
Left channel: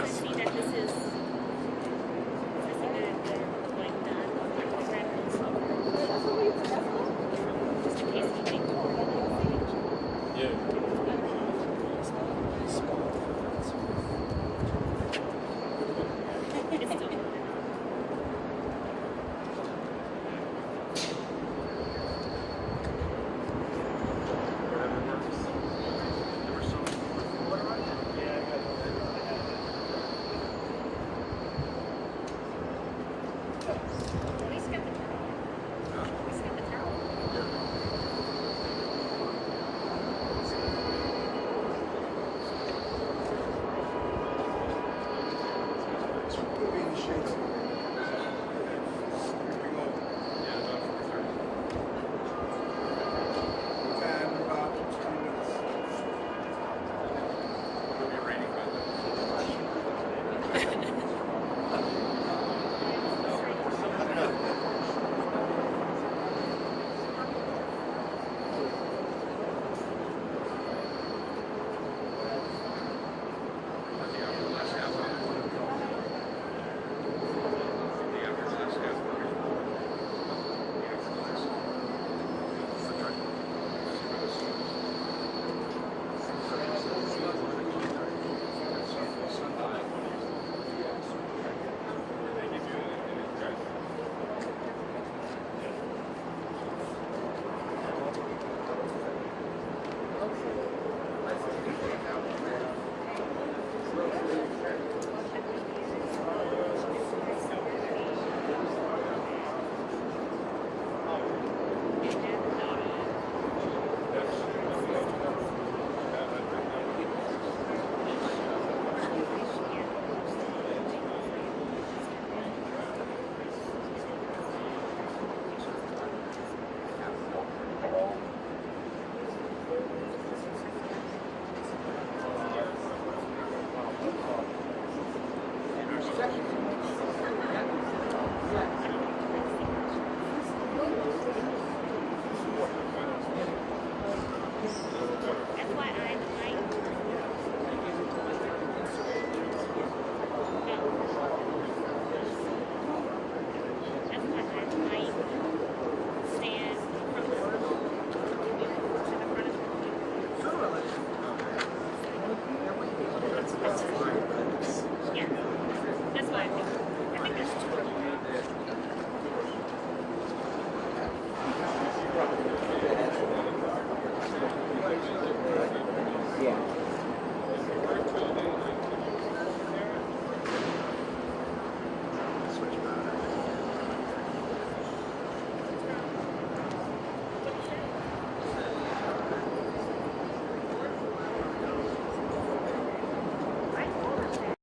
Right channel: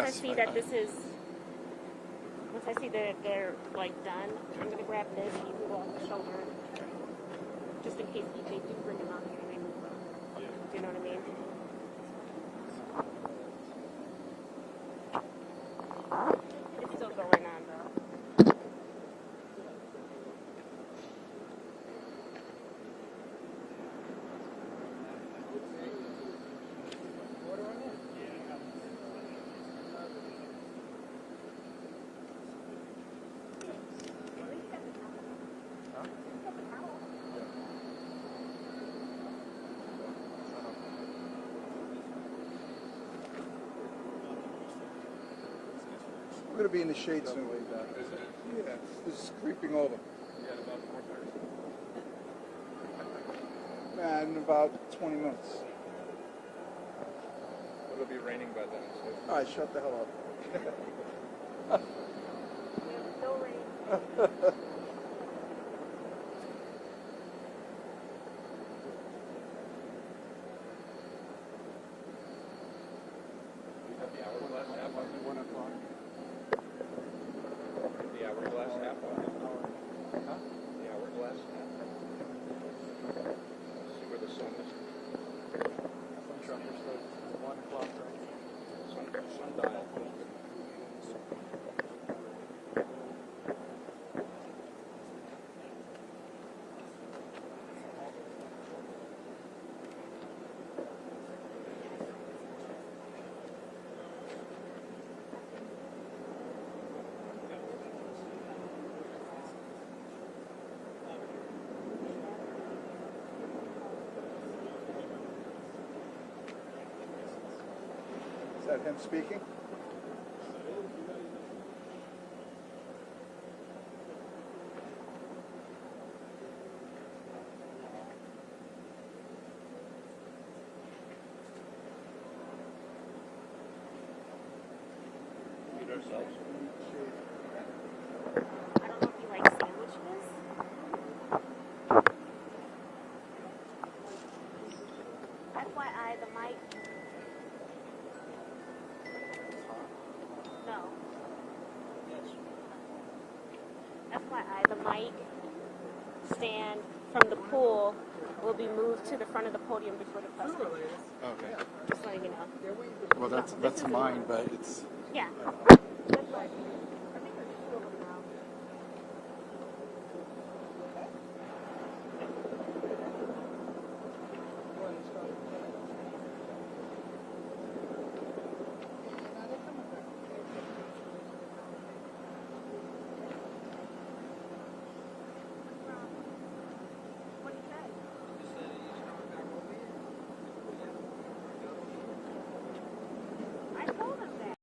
once I see that this is, I see that they're like done, I'll grab these here. Just in case he makes more. It's still going on. He's got the towel. He's got the towel. It's going to be in the shade soon. Creeping over. And about 20 minutes. It'll be raining by FYI, the mic. No. FYI, the mic stand from the pool will be moved to the front of the podium. Well, that's mine, but it's... Yeah. That's what I think. I think there's two of them. Yeah. I told her that.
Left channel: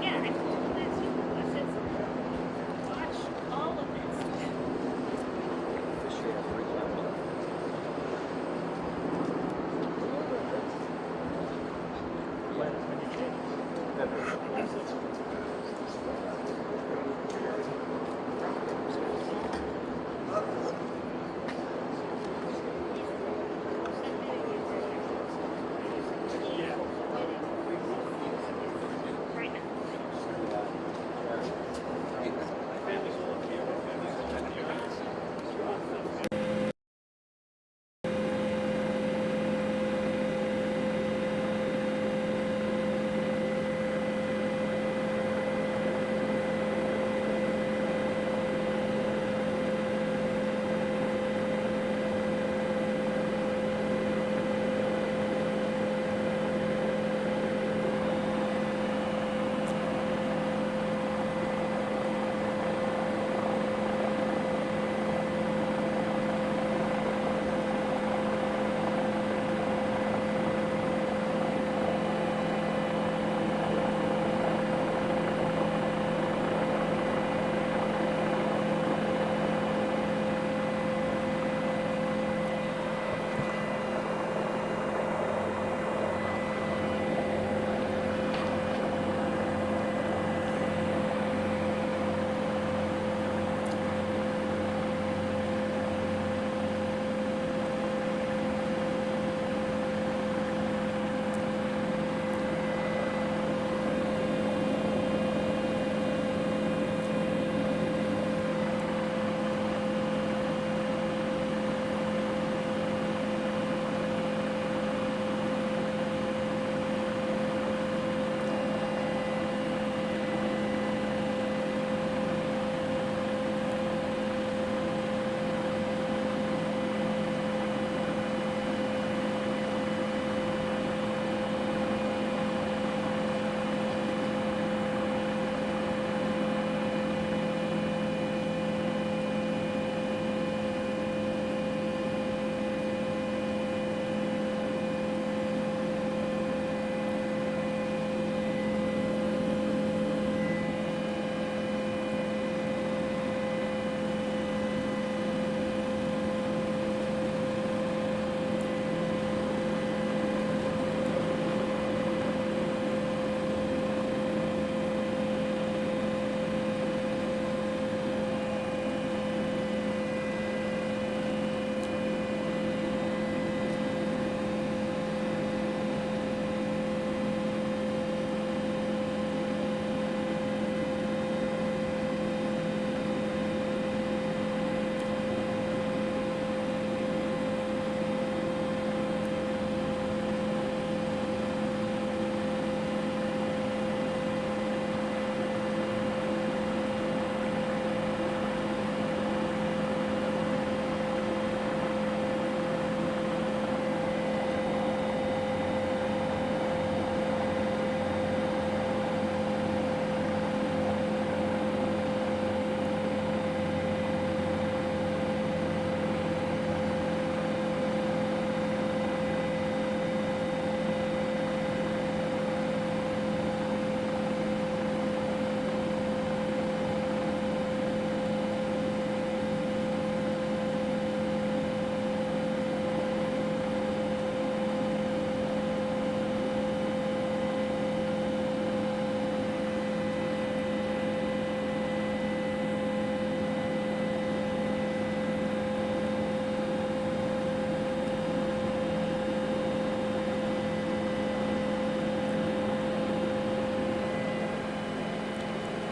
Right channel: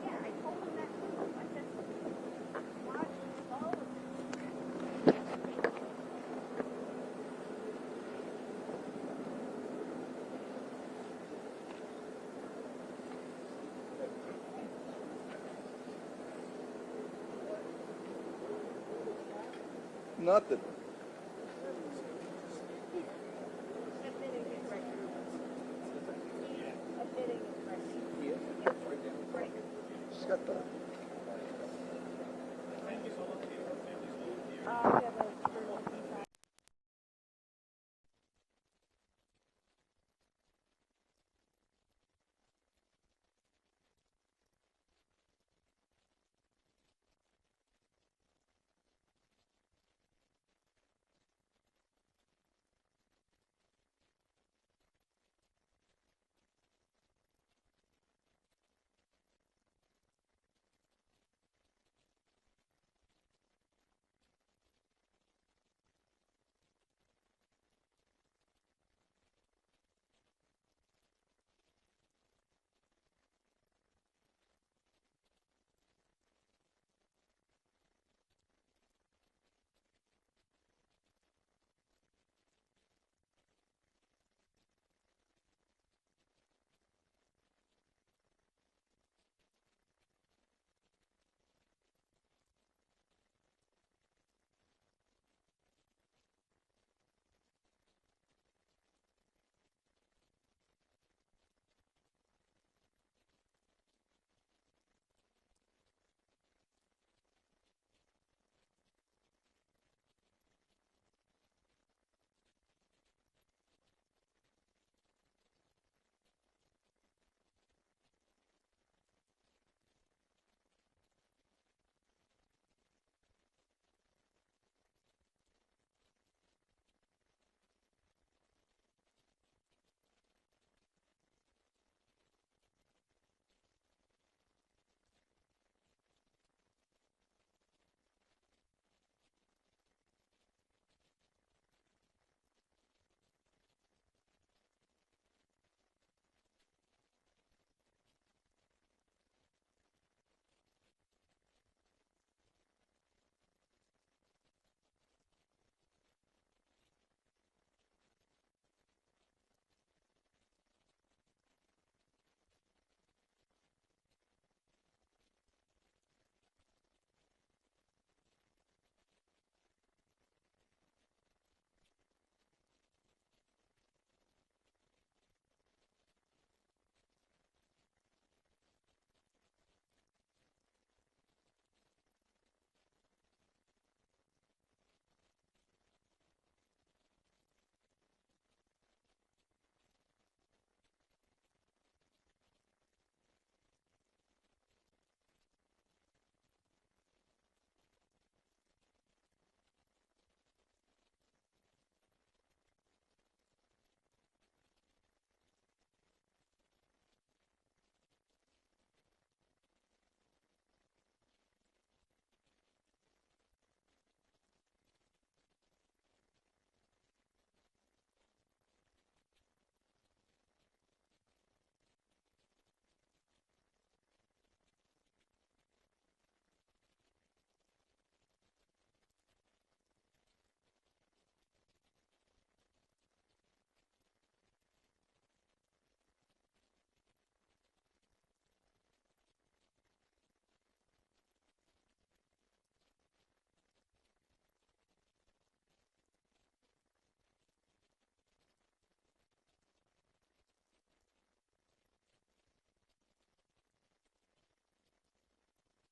Yeah, I told him that too. I said, watch all of this. Nothing. Right now.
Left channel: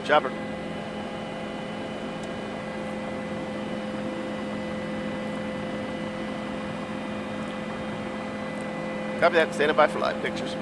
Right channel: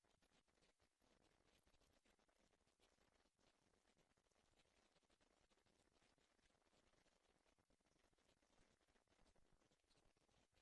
Chopper. Copy that. Standing by for live pictures.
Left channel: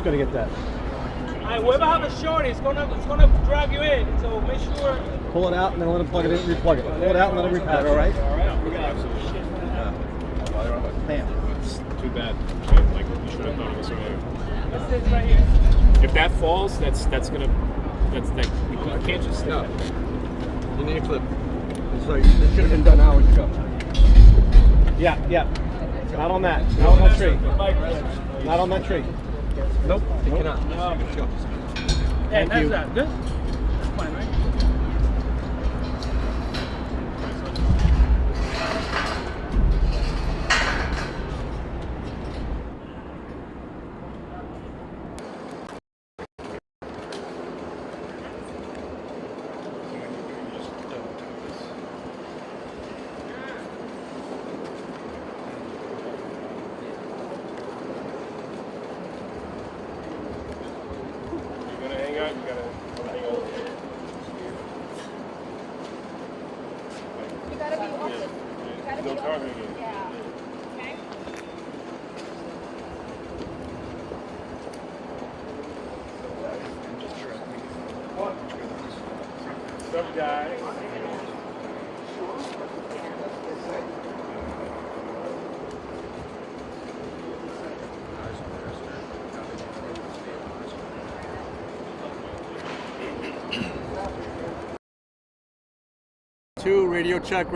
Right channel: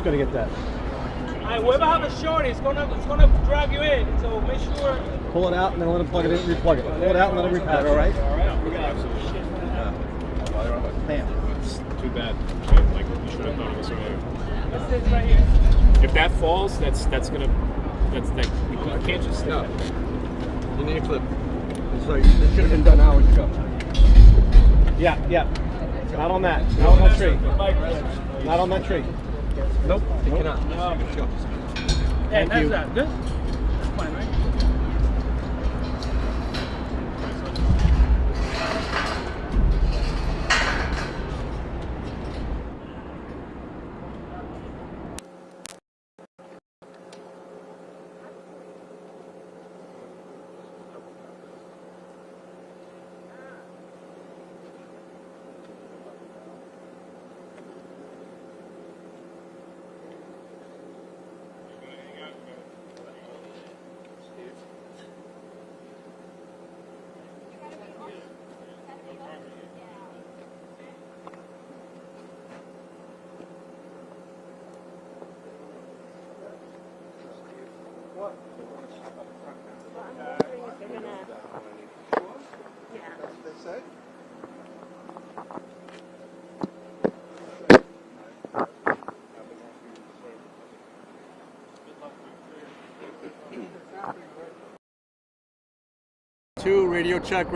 who's going to get that. Alright, whoever have a short, it's gonna drag you in. So make sure. Pull it out and then let him plug it in, replug it. Pull it out and let him repatch it. All right? We got absolutely shit. Bam. It's too bad. Like, we should have thought of this earlier. This is right here. If that falls, that's gonna, you can't just stick that. You need a clip. So this should have been done hours ago. Yeah. Not on that. Not on that tree. Not on that tree. Nope, you cannot. Let's go. Hey, Thank you. that's good. That's fine, right? Two, radio check.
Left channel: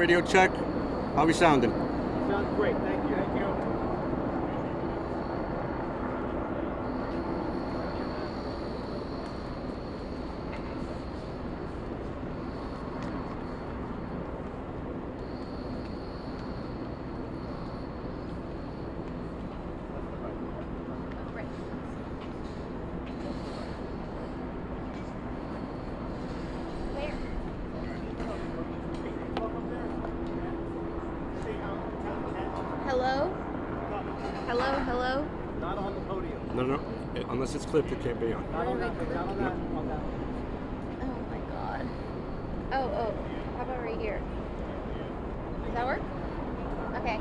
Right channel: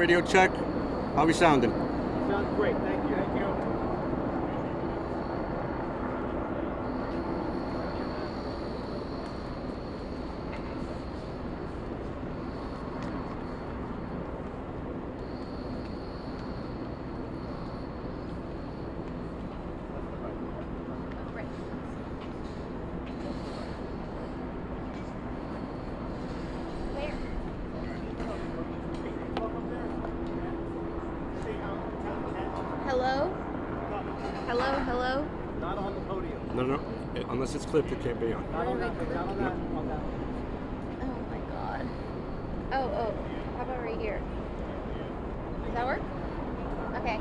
How we sounding? Sounds great. Thank you. Hello? Not on the podium. No. Unless it's clipped, it can't be on. Not on that. Not on that. On that. Oh my god. Oh. How about right here? Does that work? Okay.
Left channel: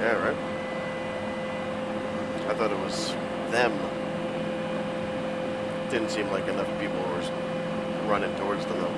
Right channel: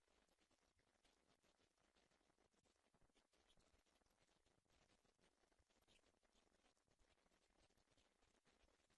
Yeah, right. I thought it was them. Didn't seem like enough people were running towards them though.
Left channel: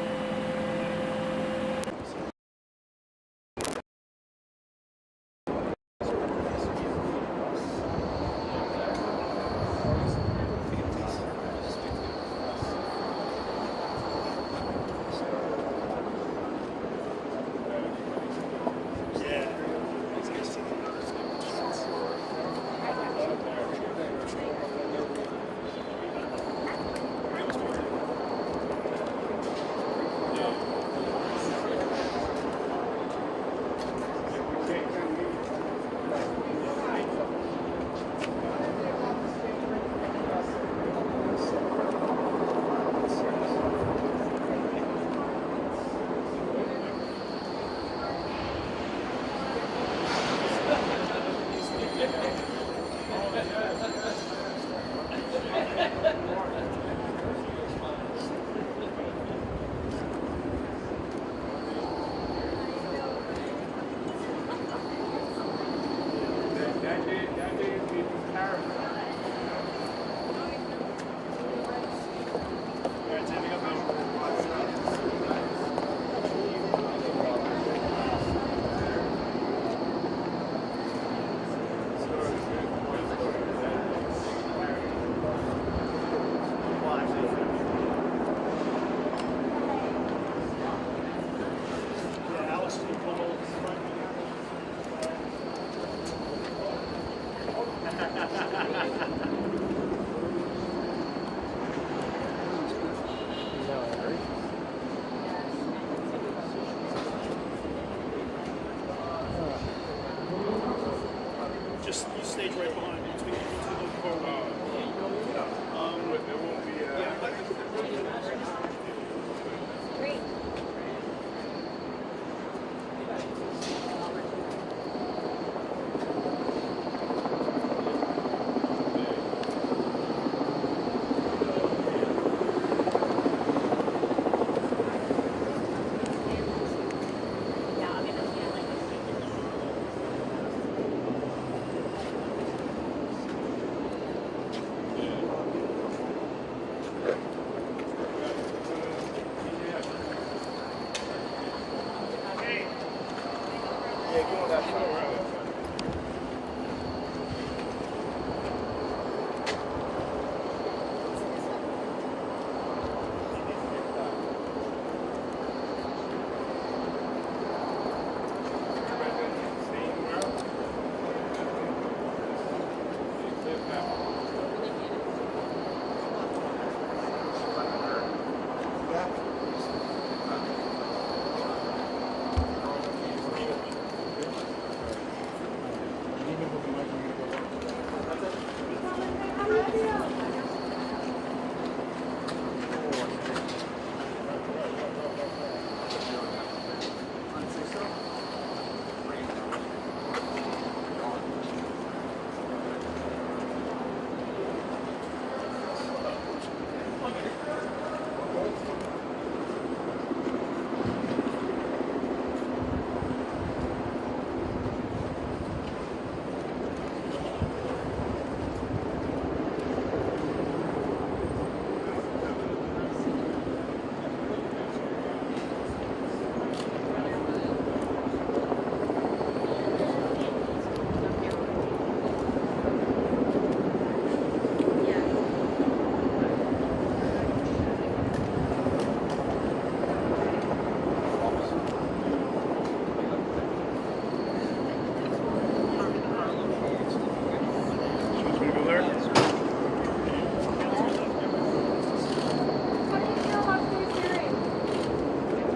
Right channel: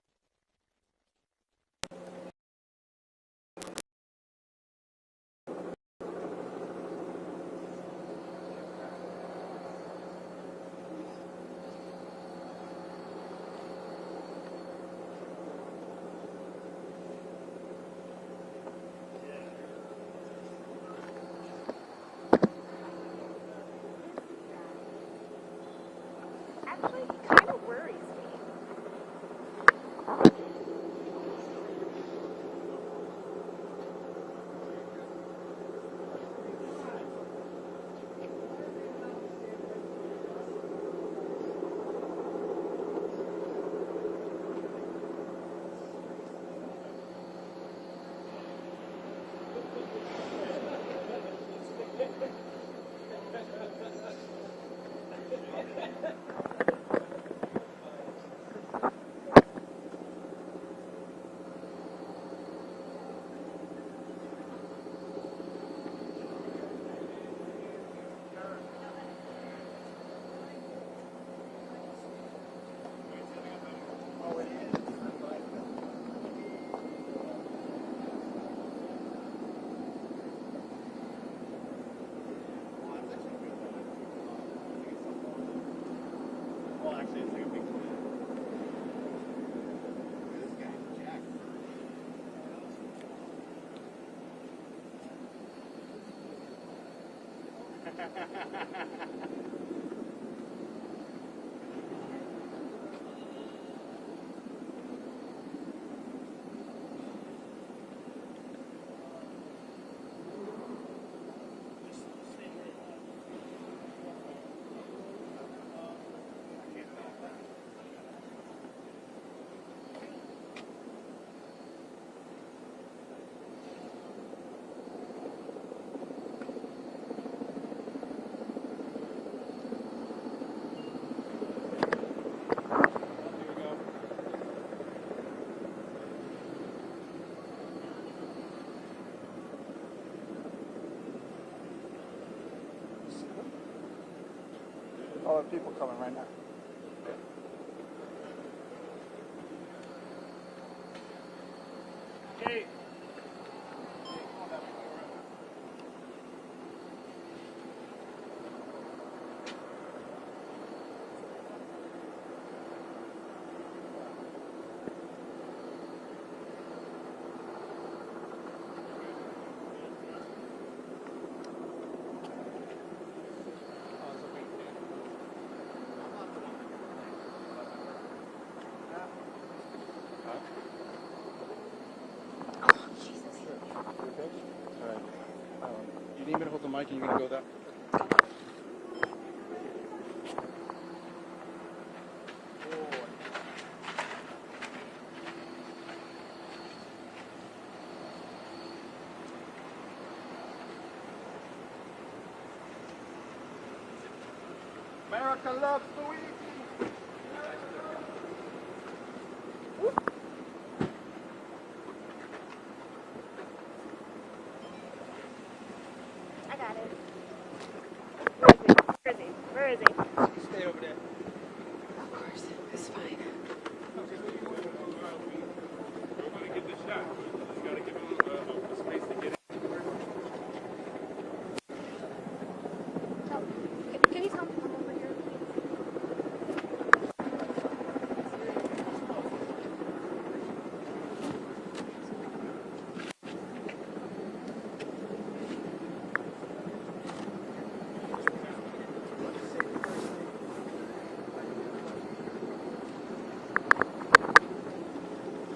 Mike, you gonna go down?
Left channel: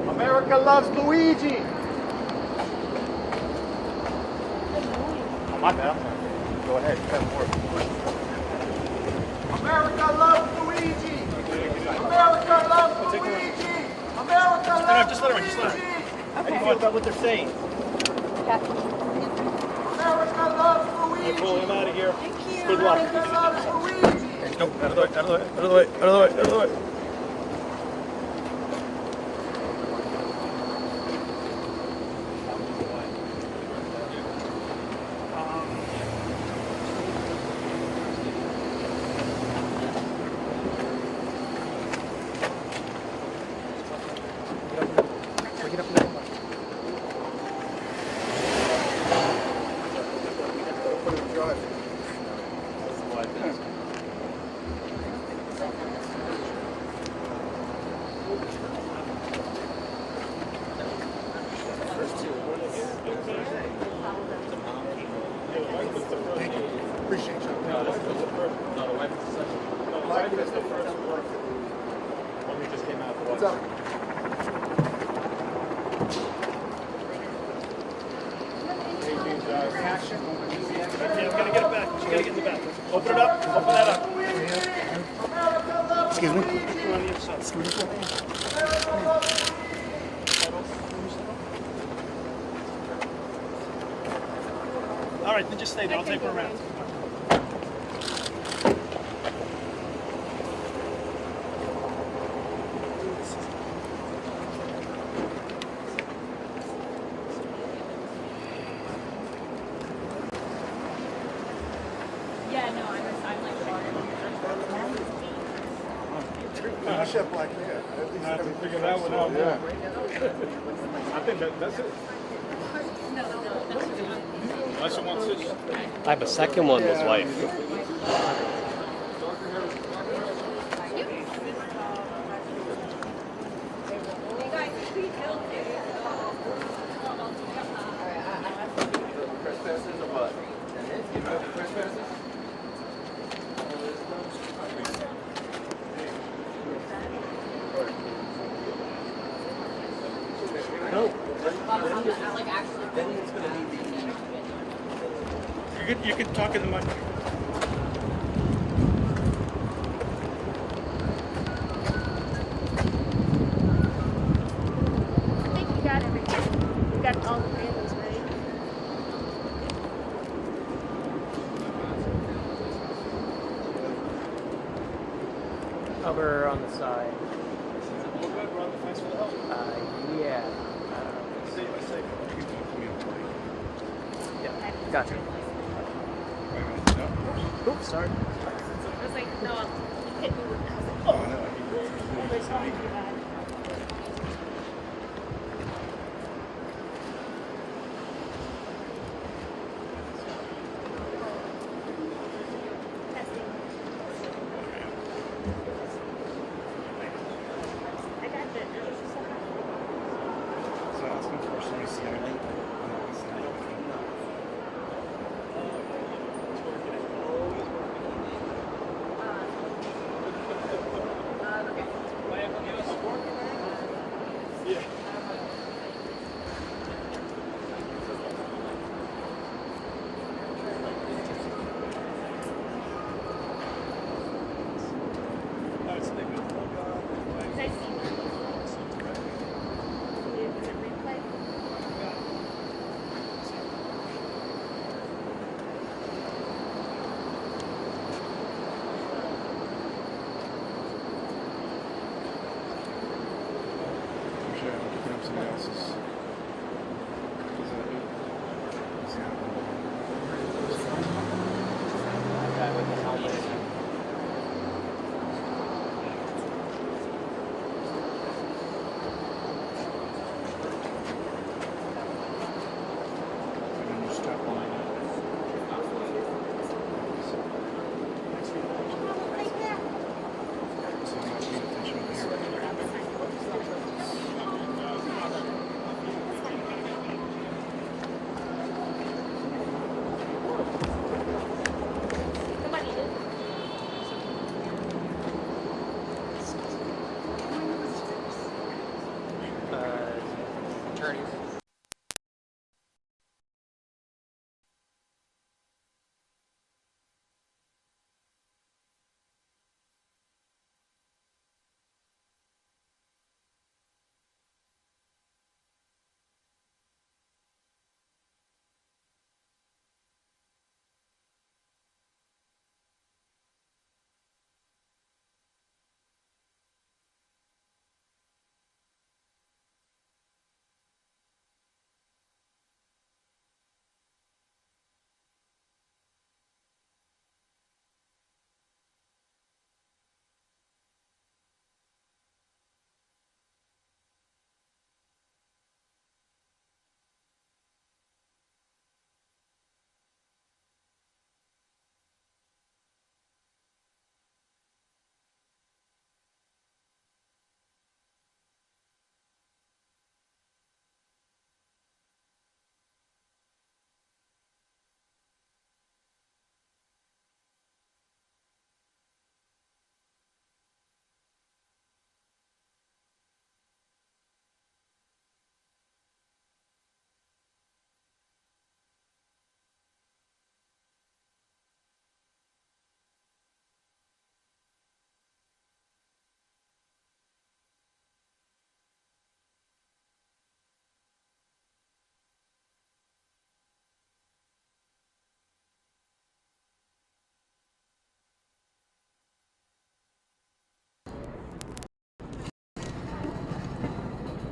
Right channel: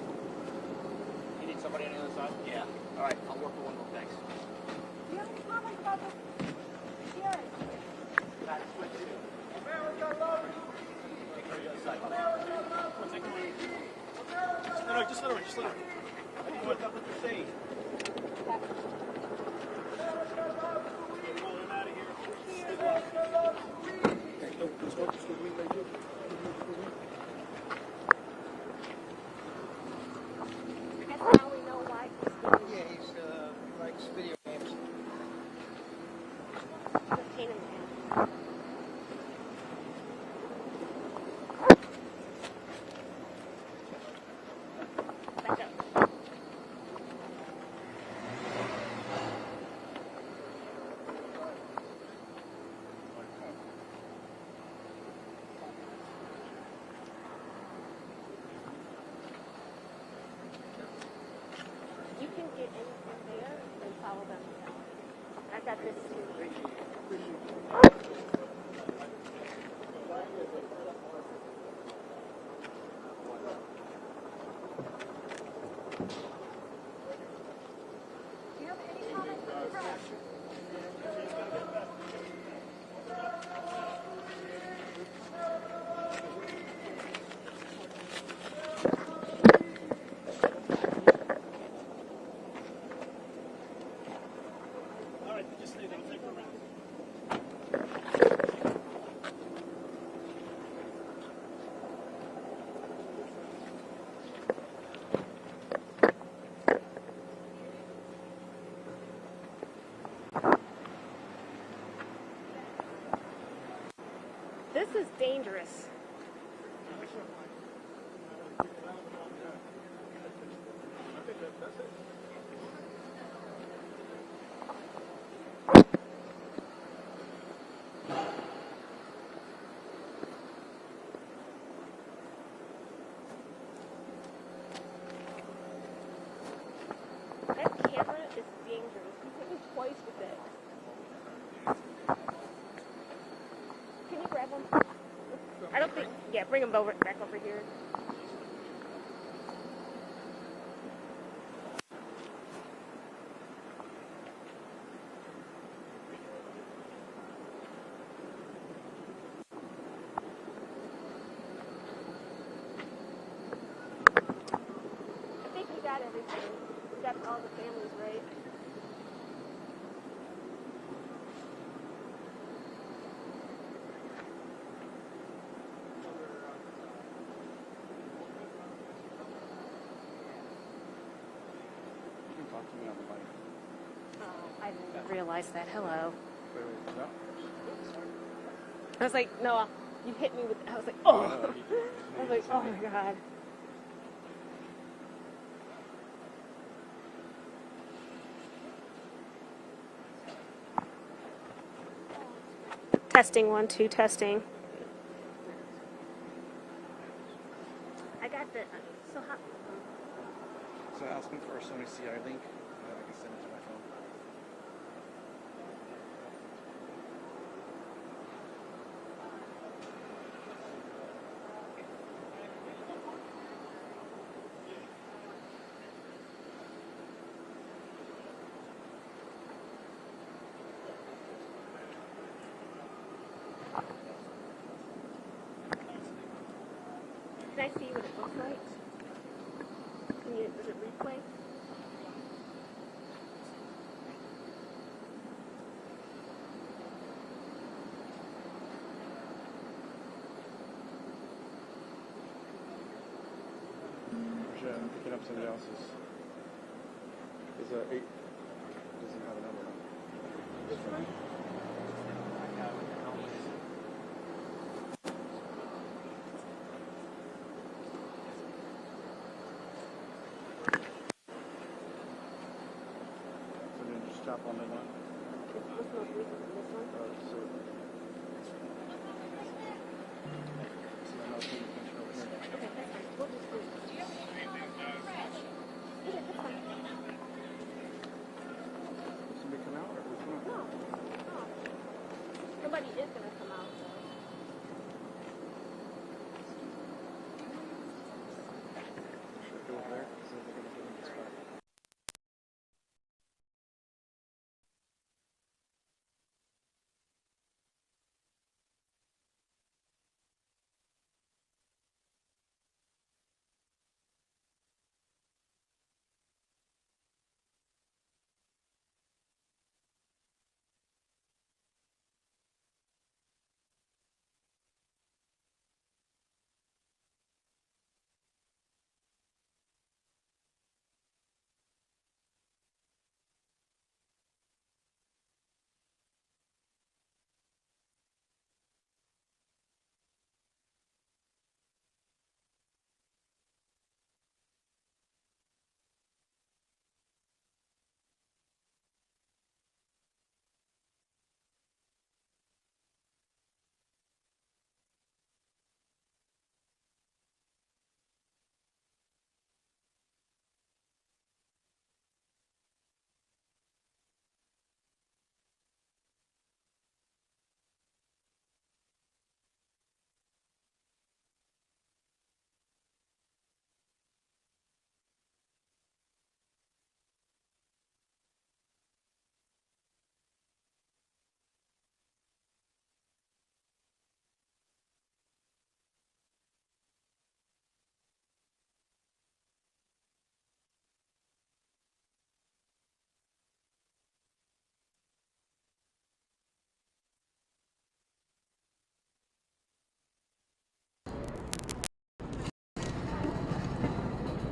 America loves Luigi. My bad. Go ahead. America loves Luigi. America loves Luigi. America loves Just let her in. Just let her in. Okay. Go about what they're saying. America loves Luigi. Pull him out of here. Thank you. Good luck. America loves Luigi. Nope. Out of the way. Out of the way. Out of the way. Out of the way. Out of the way. Appreciate you. Life is the first work that we just came out. What's up? Yeah, we gotta get it back. We gotta get in the back. Open it up. Open that up. Excuse me. All right, then just stay there. I'll take her around. Yeah, no, I'm like, this is dangerous. You should have black hair. At least I have to everything figure that one out. Yeah. I think that's it. Unless you want scissors. I have a second one with wife. I don't think, yeah, bring him over here. No. Then it's going to be You can talk in the mic. I think you got everything. You got all the things, right? Cover on the side. Yeah. Yeah. Gotcha. Realize that, hello. Oops, sorry. I was like, no, you hit me with, I was like, oh. There's so much bad. Testing 1, 2, testing. I got the. So asking for some silent.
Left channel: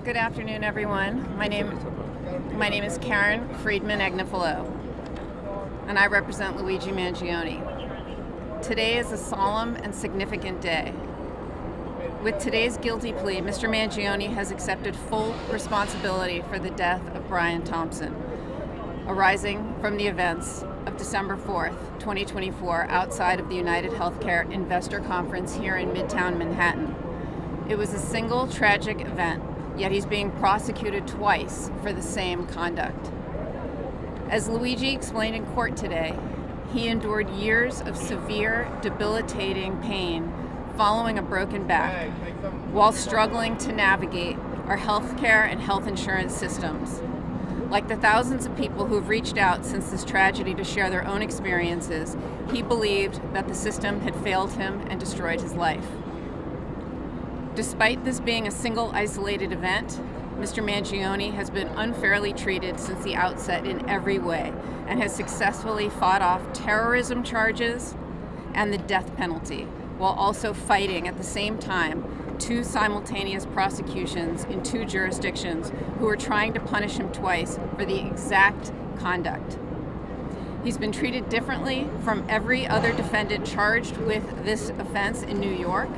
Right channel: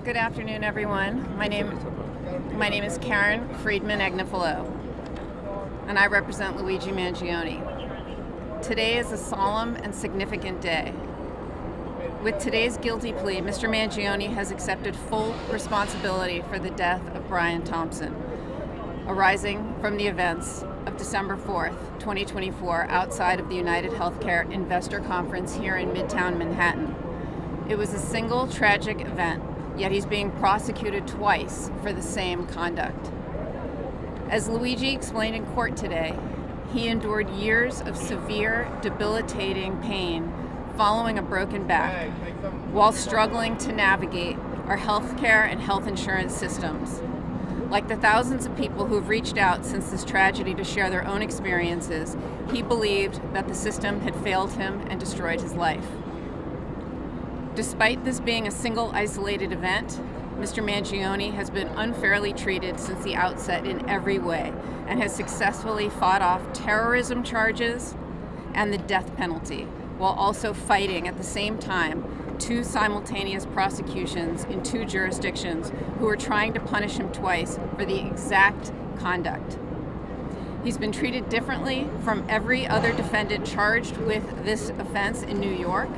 Good afternoon, everyone. My name is Karen Friedman Agnifilo, and I represent Luigi Mangione. Today is a solemn and significant day. With today's guilty plea, Mr. Mangione has accepted full responsibility for the death of Brian Thompson, arising from the events of December 4th, 2024, outside of the UnitedHealthcare Investor Conference here in Midtown Manhattan. It was a single tragic event, yet he's being prosecuted twice for the same conduct. As Luigi explained in court today, he endured years of severe, debilitating pain following a broken back while struggling to navigate our healthcare and health insurance systems. Like the thousands of people who have reached out since this tragedy to share their own experiences, he believed that the system had failed him and destroyed his life. Despite this being a single isolated event, Mr. Mangione has been unfairly treated since the outset in every way and has successfully fought off terrorism charges and the death penalty, while also fighting at the same time two simultaneous prosecutions in two jurisdictions who are trying to punish him twice for the exact conduct. He's been treated differently from every other defendant charged with this offense in New York.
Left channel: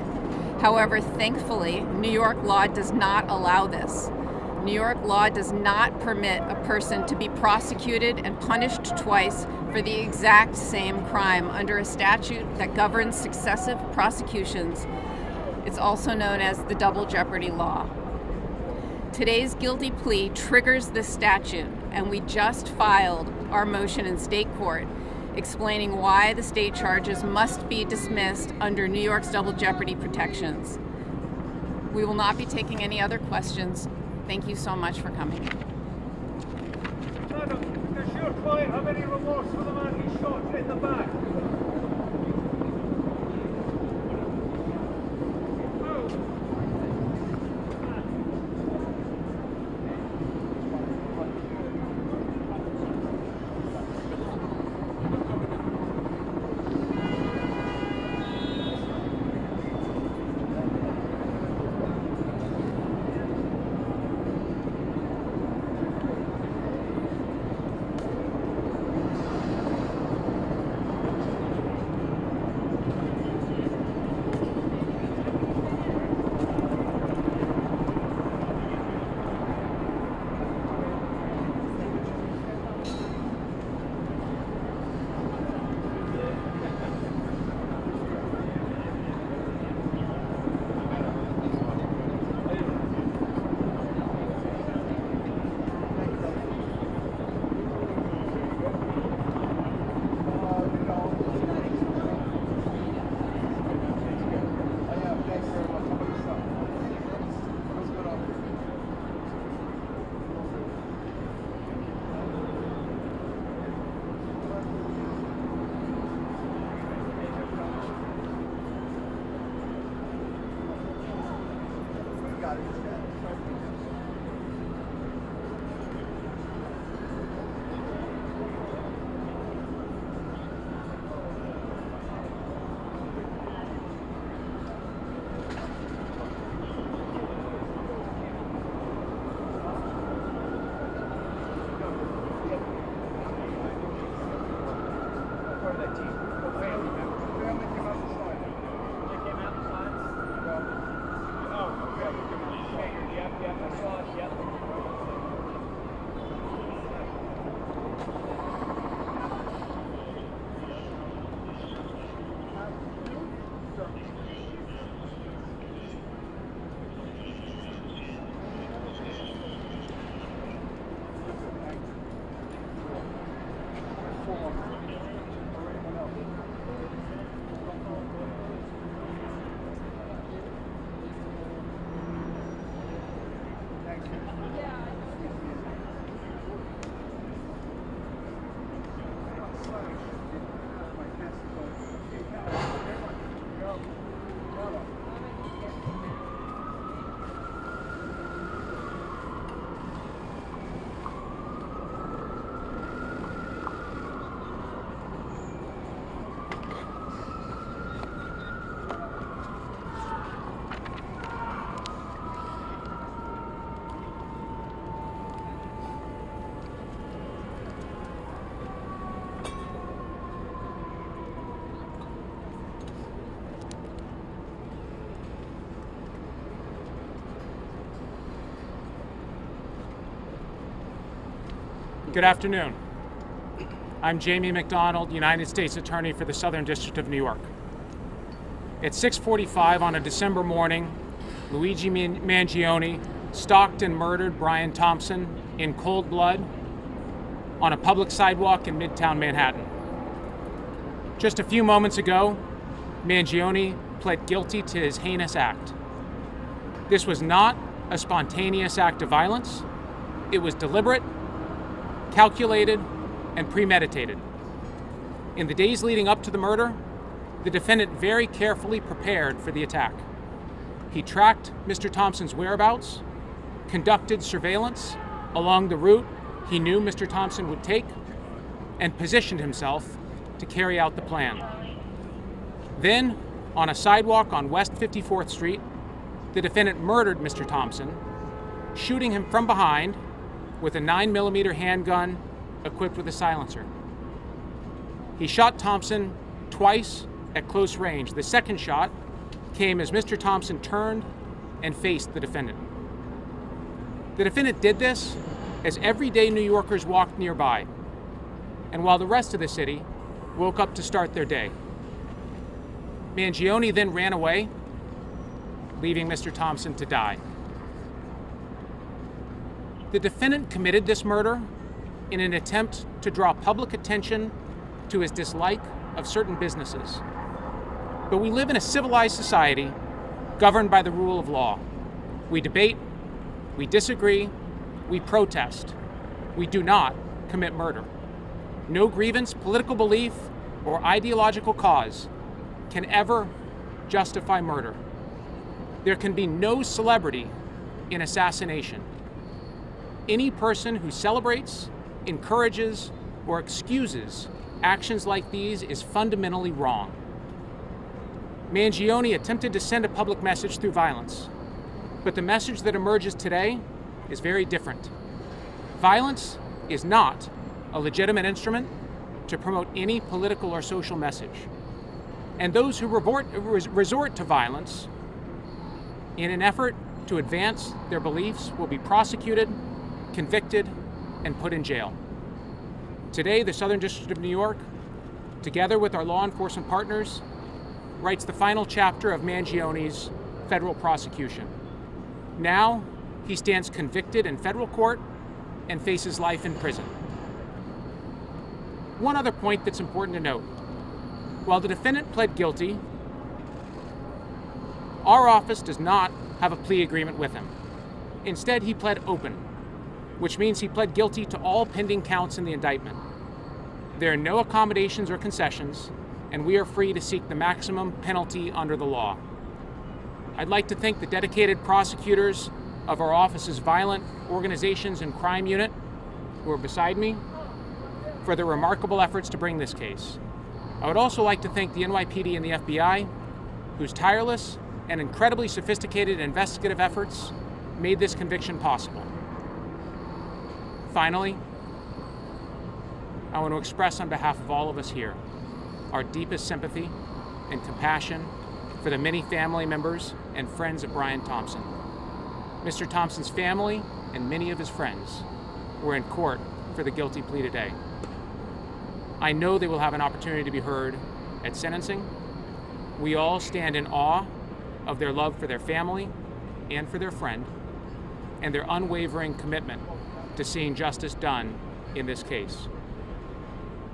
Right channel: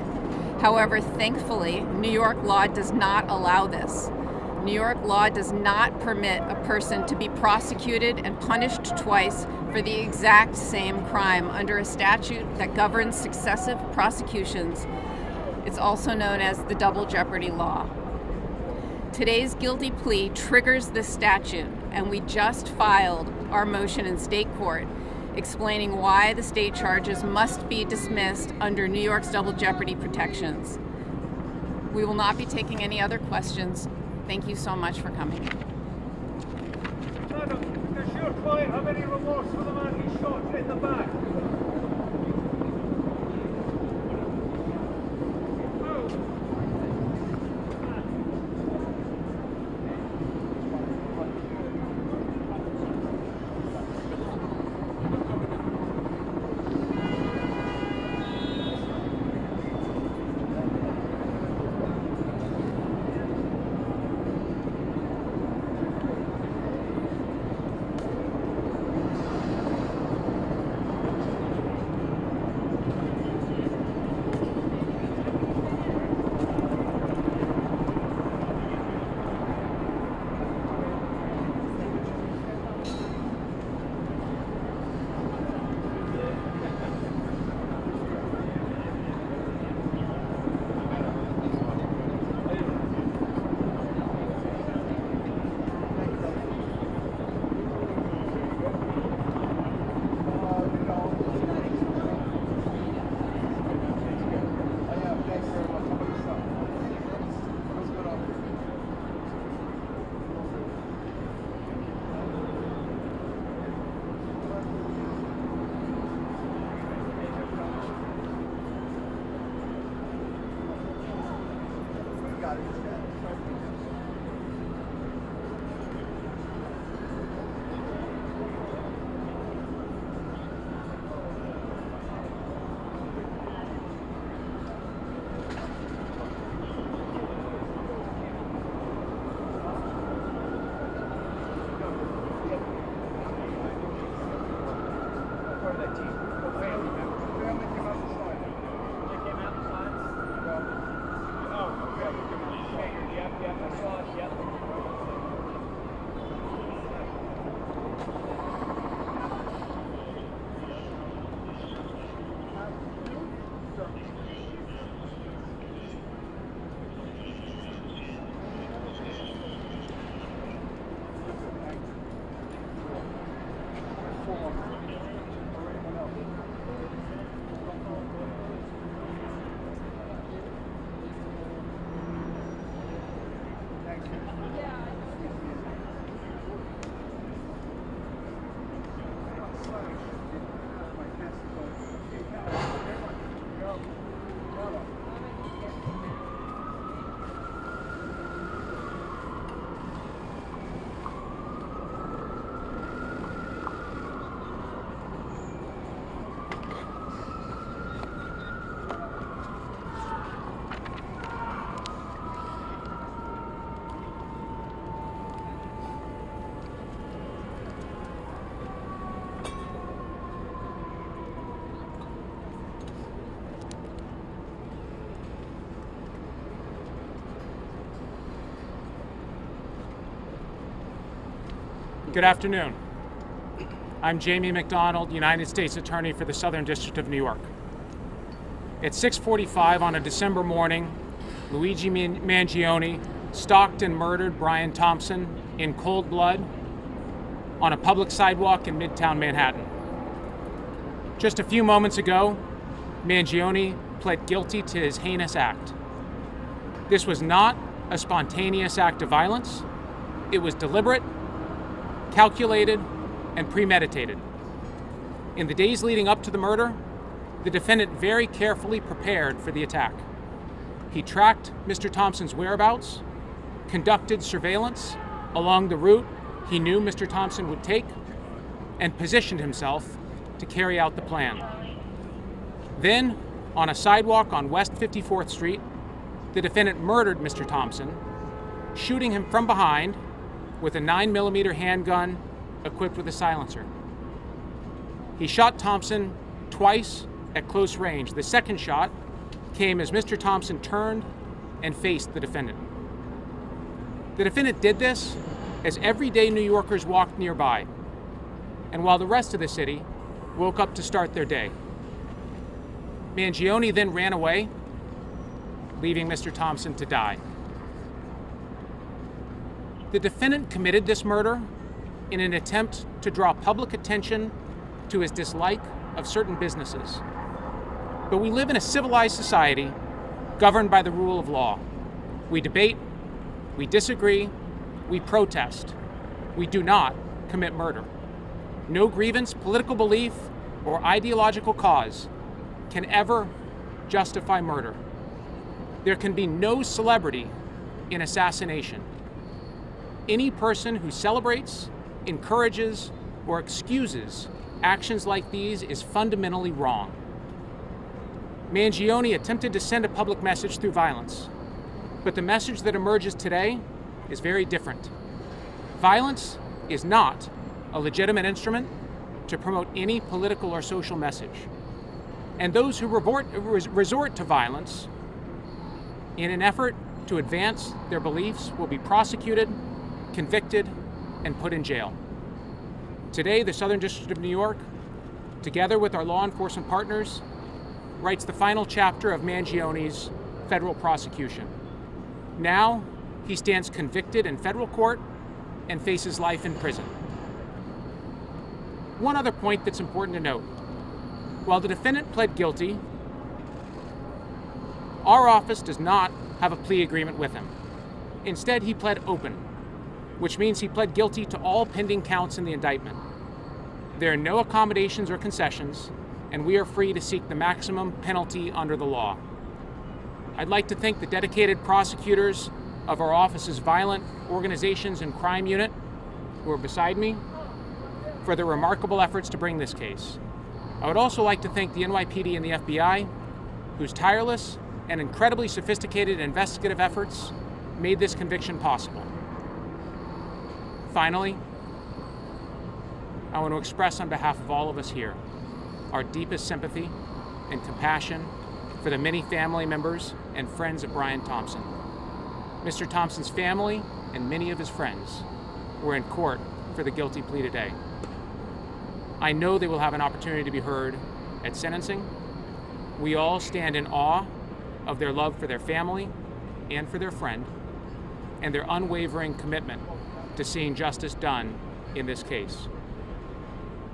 However, thankfully, New York law does not allow this. New York law does not permit a person to be prosecuted and punished twice for the exact same crime under a statute that governs successive prosecutions. It's also known as the double jeopardy law. Today's guilty plea triggers this statute, and we just filed our motion in state court explaining why the state charges must be dismissed under New York's double jeopardy protections. We will not be taking any other questions. Thank you so much for coming. Madam, does your client have any remorse for the man he shot in the back? Good afternoon. I'm Jamie McDonald, United States Attorney for the Southern District of New York. At 6:45 on a December morning, Luigi Mangione stalked and murdered Brian Thompson in cold blood on a public sidewalk in Midtown Manhattan. Just a few moments ago, Mangione pled guilty to his heinous act. This was not a spontaneous act of violence. It was deliberate, calculated, and premeditated. In the days leading up to the murder, the defendant very carefully prepared for the attack. He tracked Mr. Thompson's whereabouts, conducted surveillance along the route he knew Mr. Thompson would take, and positioned himself to carry out the plan. Then, on a sidewalk on West 54th Street, the defendant murdered Mr. Thompson, shooting him from behind with a 9mm handgun equipped with a silencer. He shot Thompson twice at close range. The second shot came as Mr. Thompson turned and faced the defendant. The defendant did this as everyday New Yorkers walked nearby, and while the rest of the city woke up to start their day. Mangione then ran away, leaving Mr. Thompson to die. The defendant committed this murder in an attempt to draw public attention to his dislike of certain businesses. But we live in a civilized society governed by the rule of law. We debate, we disagree, we protest. We do not commit murder. No grievance, political belief, or ideological cause can ever justify murder. There can be no celebrity in assassination. Any person who celebrates, encourages, or excuses actions like these is fundamentally wrong. Mangione attempted to send a public message through violence, but the message that emerges today is very different. Violence is not a legitimate instrument to promote any political or social message. And those who resort to violence in an effort to advance their beliefs will be prosecuted, convicted, and put in jail. Today, the Southern District of New York, together with our law enforcement partners, writes the final chapter of Mangione's federal prosecution. Now, he stands convicted in federal court and faces life in prison. One other point that's important to note. While the defendant pled guilty, our office does not have a plea agreement with him. Instead, he pled open, which means he pled guilty to all pending counts in the indictment. There are no accommodations or concessions, and we are free to seek the maximum penalty under the law. I'd like to thank the dedicated prosecutors of our office's Violent Organizations and Crime Unit, who are beside me, for their remarkable efforts to bring this case. I would also like to thank the NYPD and the FBI, whose tireless and incredibly sophisticated investigative efforts made this conviction possible. Finally, I want to express on behalf of all of us here our deepest sympathy and compassion for the many family members and friends of Brian Thompson. Mr. Thompson's family and many of his friends were in court for the guilty plea today. I know they will have an opportunity to be heard at sentencing. We all stand in awe of their love for their family and for their friend, and their unwavering commitment to seeing justice done in this case.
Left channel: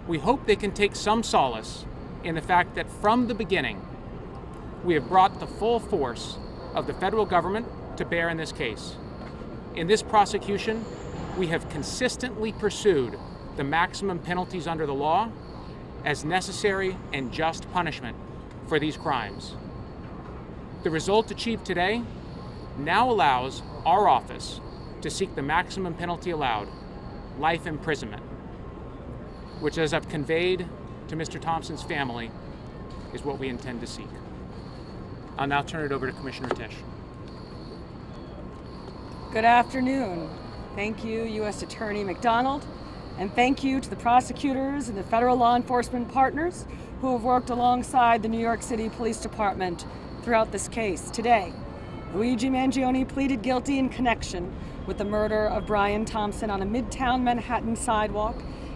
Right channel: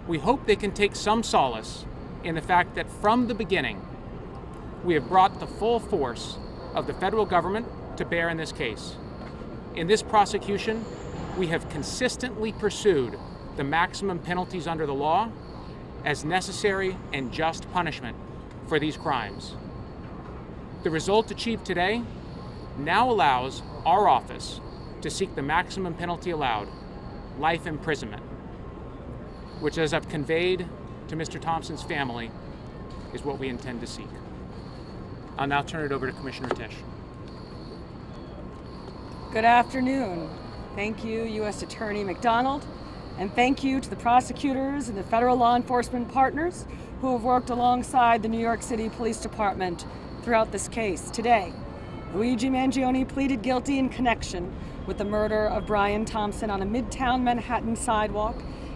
We hope they can take some solace in the fact that from the beginning, we have brought the full force of the federal government to bear in this case. In this prosecution, we have consistently pursued the maximum penalties under the law as necessary and just punishment for these crimes. The result achieved today now allows our office to seek the maximum penalty allowed, life imprisonment, which, as I've conveyed to Mr. Thompson's family, is what we intend to seek. I'll now turn it over to Commissioner Tisch. Good afternoon. Thank you, U.S. Attorney McDonald, and thank you to the prosecutors and the federal law enforcement partners who have worked alongside the New York City Police Department throughout this case. Today, Luigi Mangione pleaded guilty in connection with the murder of Brian Thompson on a Midtown Manhattan sidewalk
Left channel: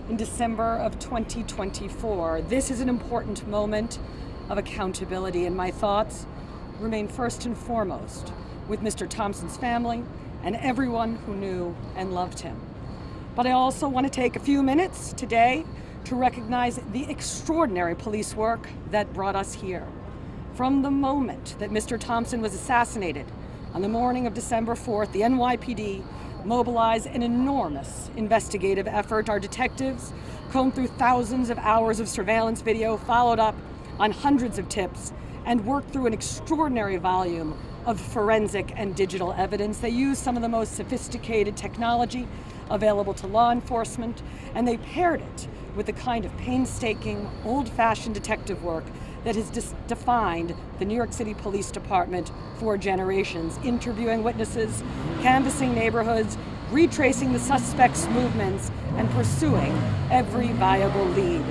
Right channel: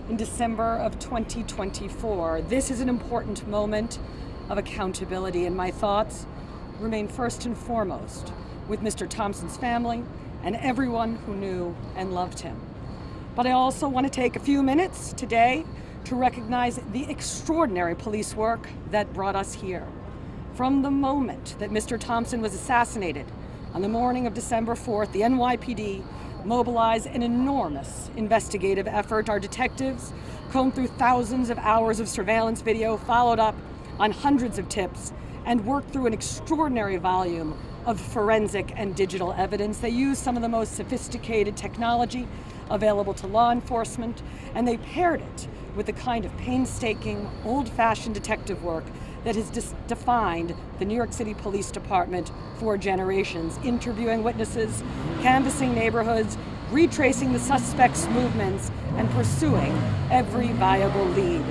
in December of 2024. This is an important moment of accountability, and my thoughts remain first and foremost with Mr. Thompson's family and everyone who knew and loved him. But I also want to take a few minutes today to recognize the extraordinary police work that brought us here. From the moment that Mr. Thompson was assassinated on the morning of December 4th, the NYPD mobilized an enormous investigative effort. Our detectives combed through thousands of hours of surveillance video, followed up on hundreds of tips, and worked through an extraordinary volume of forensic and digital evidence. They used some of the most sophisticated technology available to law enforcement, and they paired it with the kind of painstaking, old-fashioned detective work that has defined the New York City Police Department for generations, interviewing witnesses, canvassing neighborhoods, retracing the suspects' movements, and pursuing every viable lead.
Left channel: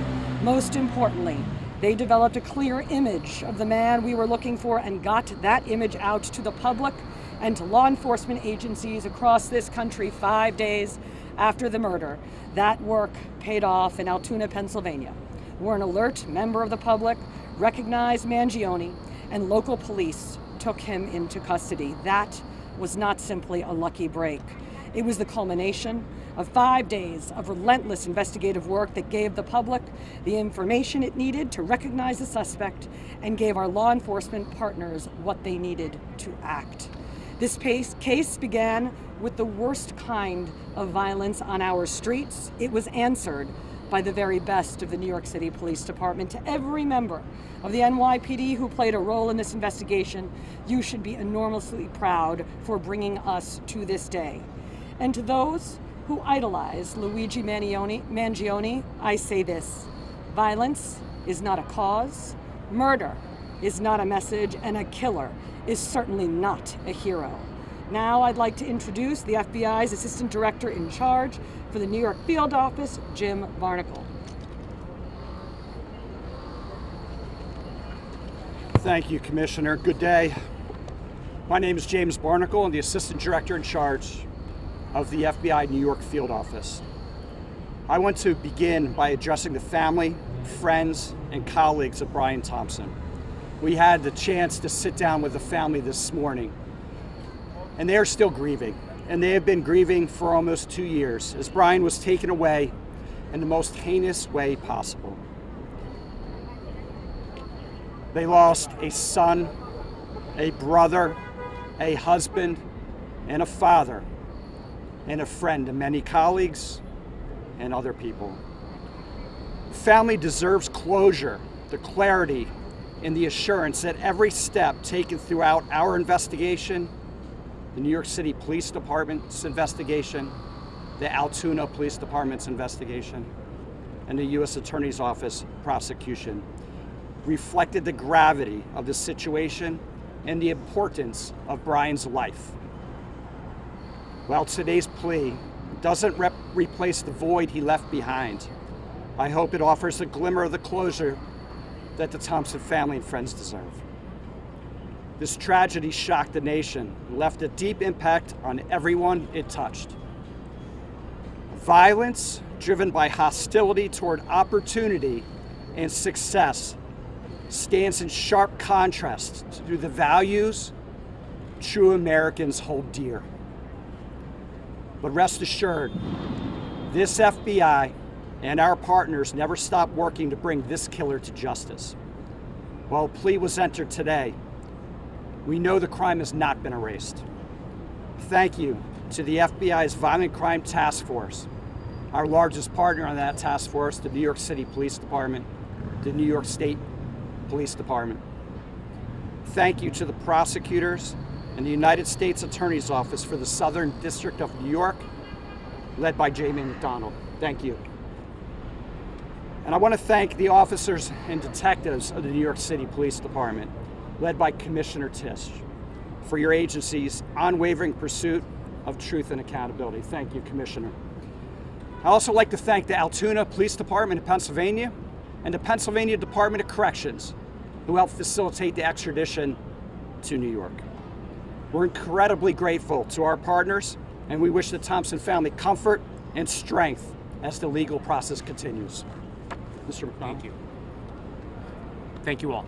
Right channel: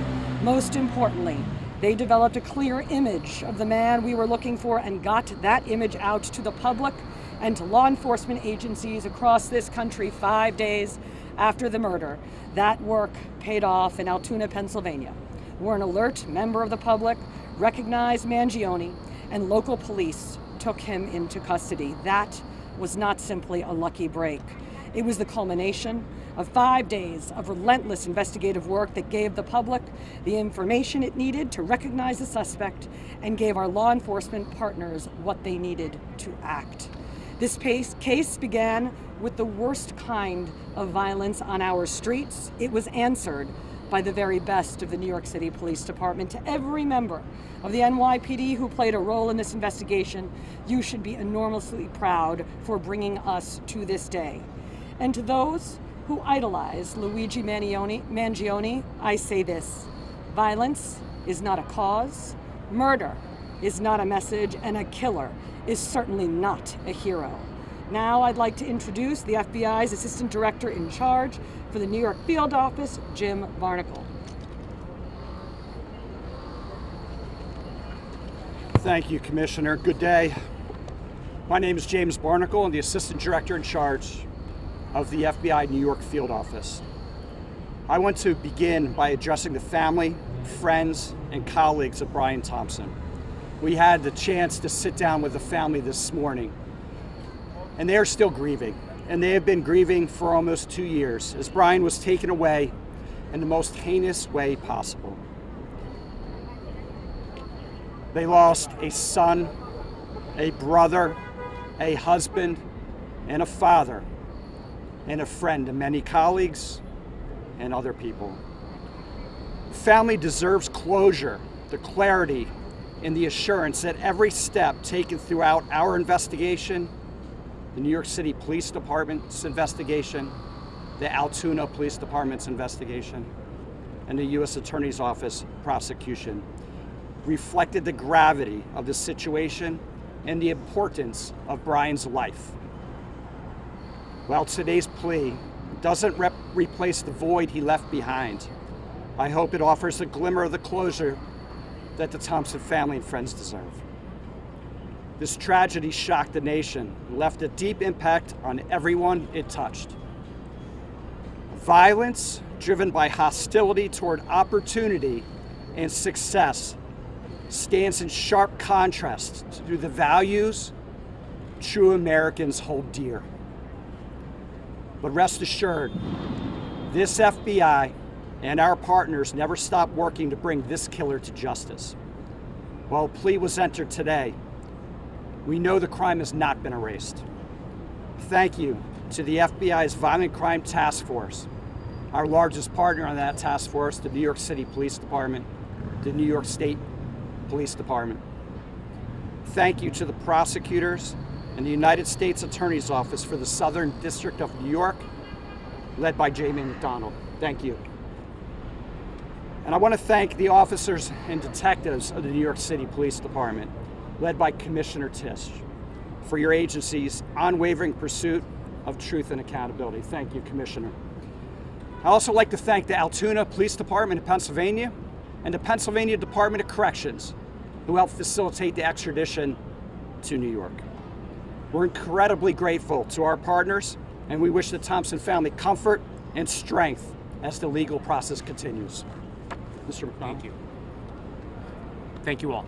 Most importantly, they developed a clear image of the man we were looking for and got that image out to the public and to law enforcement agencies across this country 5 days after the murder. That work paid off in Altoona, Pennsylvania, where an alert member of the public recognized Mangione and local police took him into custody. That was not simply a lucky break. It was the culmination of 5 days of relentless investigative work that gave the public the information it needed to recognize the suspect and gave our law enforcement partners what they needed to act. This case began with the worst kind of violence on our streets. It was answered by the very best of the New York City Police Department. To every member of the NYPD who played a role in this investigation, you should be enormously proud for bringing us to this day. And to those who idolize Luigi Mangione, I say this: violence is not a cause, murder is not a message, and a killer is certainly not a hero. Now I'd like to introduce the FBI's Assistant Director in Charge for the New York Field Office, Jim Barnacle. Thank you, Commissioner. Good day. My name is James Barnacle. I'm the Assistant Director in Charge of the FBI New York Field Office. I want to begin by addressing the family, friends, and colleagues of Brian Thompson. We had the chance to sit down with the family this morning, and they are still grieving, and they have been grieving for almost 2 years as Brian was taken away in the most heinous way possible. They lost a son, a brother, a husband, and a father, and a friend to many colleagues and other people. The family deserves closure, the clarity, and the assurance that every step taken throughout our investigation, the New York City Police Department's investigation, the Altoona Police Department's investigation, and the U.S. Attorney's Office prosecution reflected the gravity of the situation and the importance of Brian's life. While today's plea doesn't replace the void he left behind, I hope it offers a glimmer of the closure that the Thompson family and friends deserve. This tragedy shocked the nation and left a deep impact on everyone it touched. Violence driven by hostility toward opportunity and success stands in sharp contrast to the values true Americans hold dear. But rest assured, this FBI and our partners never stopped working to bring this killer to justice. While a plea was entered today, we know the crime has not been erased. Thank you to the FBI's Violent Crime Task Force, our largest partner on that task force, the New York City Police Department, the New York State Police Department. Thank you to the prosecutors and the United States Attorney's Office for the Southern District of New York, led by Jamie McDonald. Thank you. And I want to thank the officers and detectives of the New York City Police Department, led by Commissioner Tisch, for your agency's unwavering pursuit of truth and accountability. Thank you, Commissioner. I also like to thank the Altoona Police Department of Pennsylvania and the Pennsylvania Department of Corrections, who helped facilitate the extradition to New York. We're incredibly grateful to our partners And we wish the Thompson family comfort and strength as the legal process continues. Mr. McDonald. Thank you. Thank you all.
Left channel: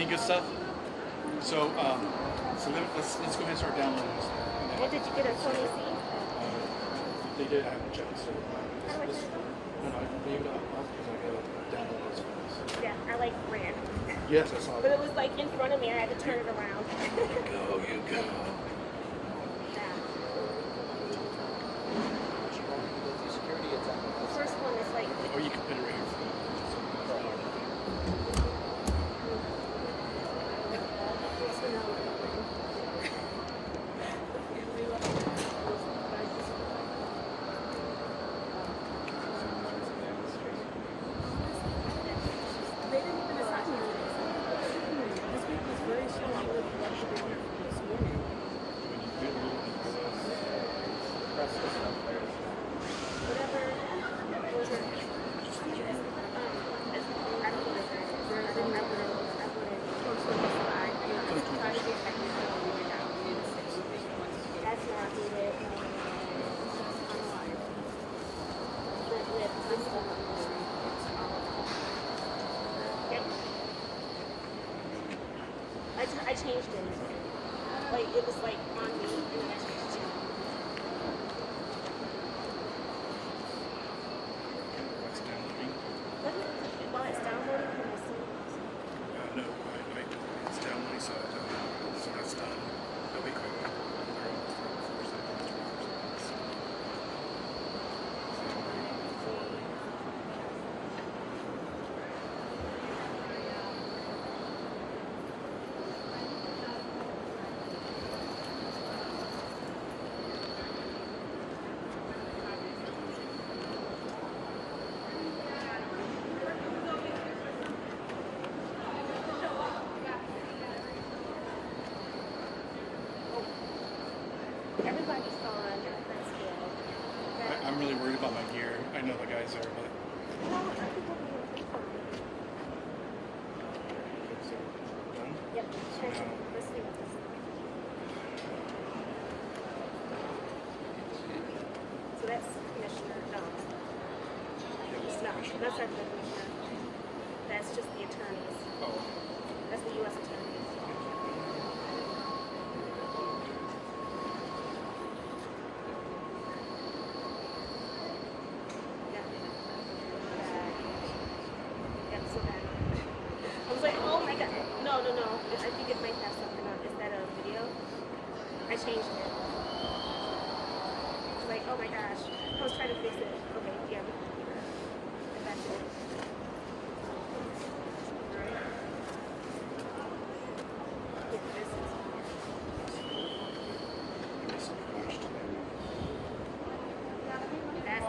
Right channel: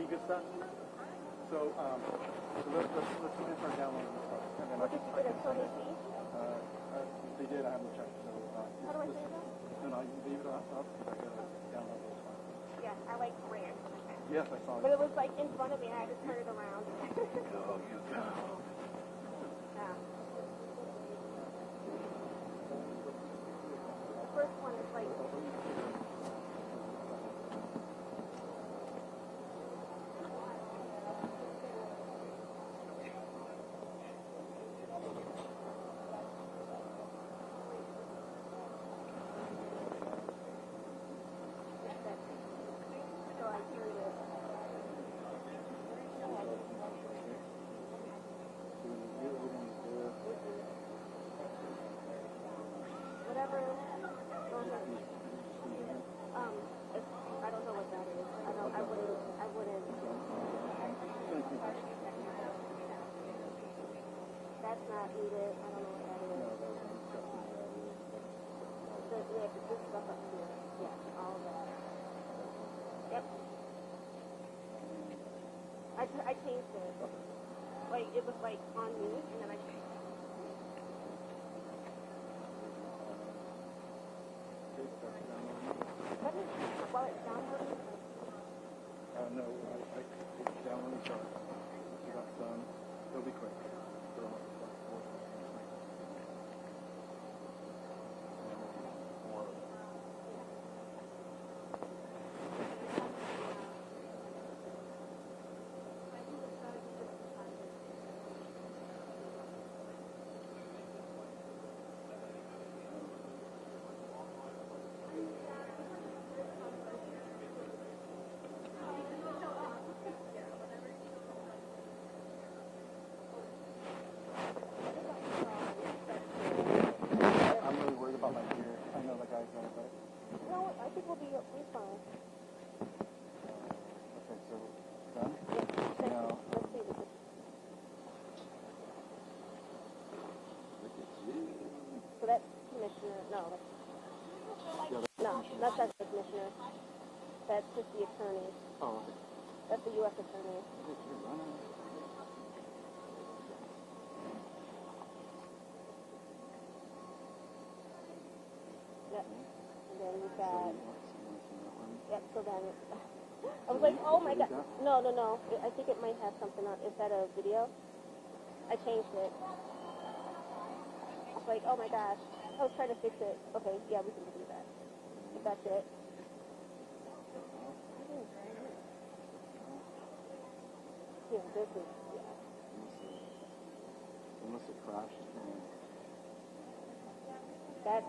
Any good stuff? So, let's go ahead and start downloading this stuff. What did you get at Sony C? They did. I haven't checked. So, How do I turn it on? no, I can leave it up because I go download this files. Yeah, I like ran. Yes, I saw But that. it was like in front of me. I had to turn it around. You go. The first one is like. Oh, you can put it right here. I changed it. Like it was like on me, and then I changed it. What's downloading? While it's downloading, can I see? No, it's downloading, so when it's done, it'll be quick. Everybody's on. That's good. I'm really worried about my gear. I know the guys are, but. No, I think we'll be okay fine. So, done? Yep. So now, Let's see what this. So that's Commissioner. No. yeah, what's the No, commissioner? that's not the Commissioner. That's just the attorneys. Oh, okay. That's the U.S. attorneys. Yep. And then that. Yep. So then, I was like, oh my god. No. I think it might have something on. Is that a video? I changed it. I was like, oh my gosh. I was trying to fix it. Okay. Yeah, we can do that. If that's it. Yeah, this is. That's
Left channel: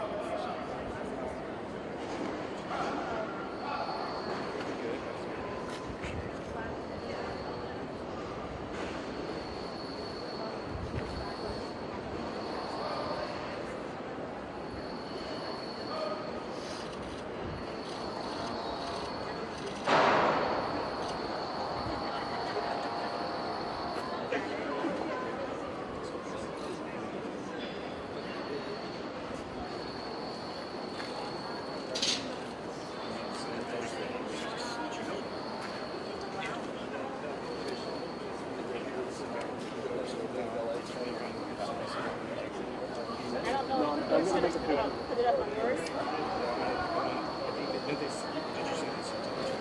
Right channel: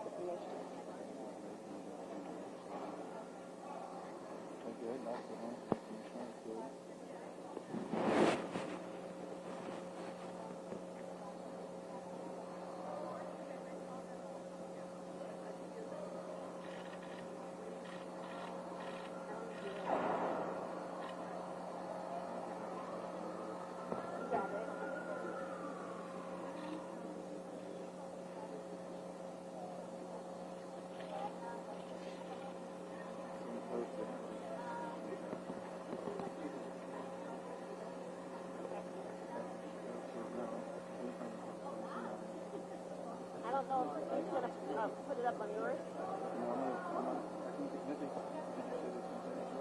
I don't know if you should put it up on yours.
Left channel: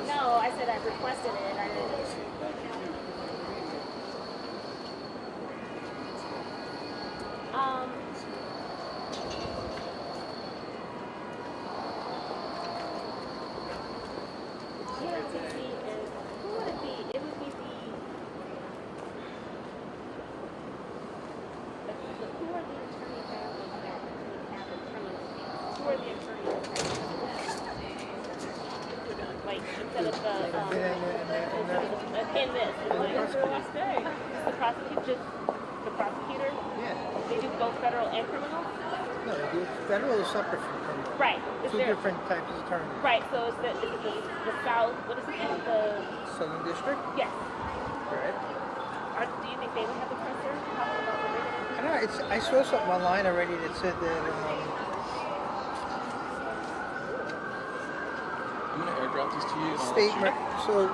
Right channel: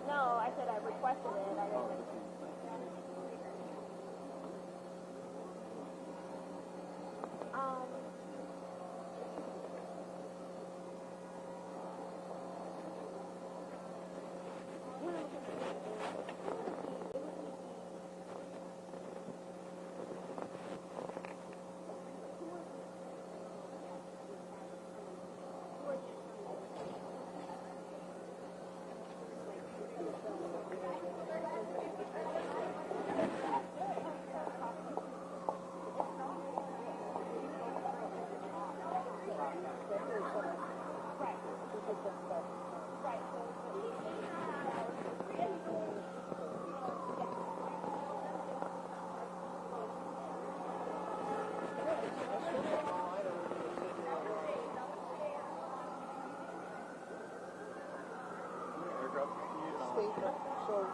No, I said I requested it. I didn't. Who would it be? It would be the. Who are the attorneys that we have in front of us? Who are the attorneys? Like instead of the in this, the prosecutor. Yeah. They do both federal and criminal. No, federal is separate from criminal. Right. Is Two there, different types of attorneys. right. So is it the South? What is it? The Southern District? yes. Right. Do you think they would have a presser? Talking about I don't know, I saw something online already that said that I'm going to airdrop these to you. so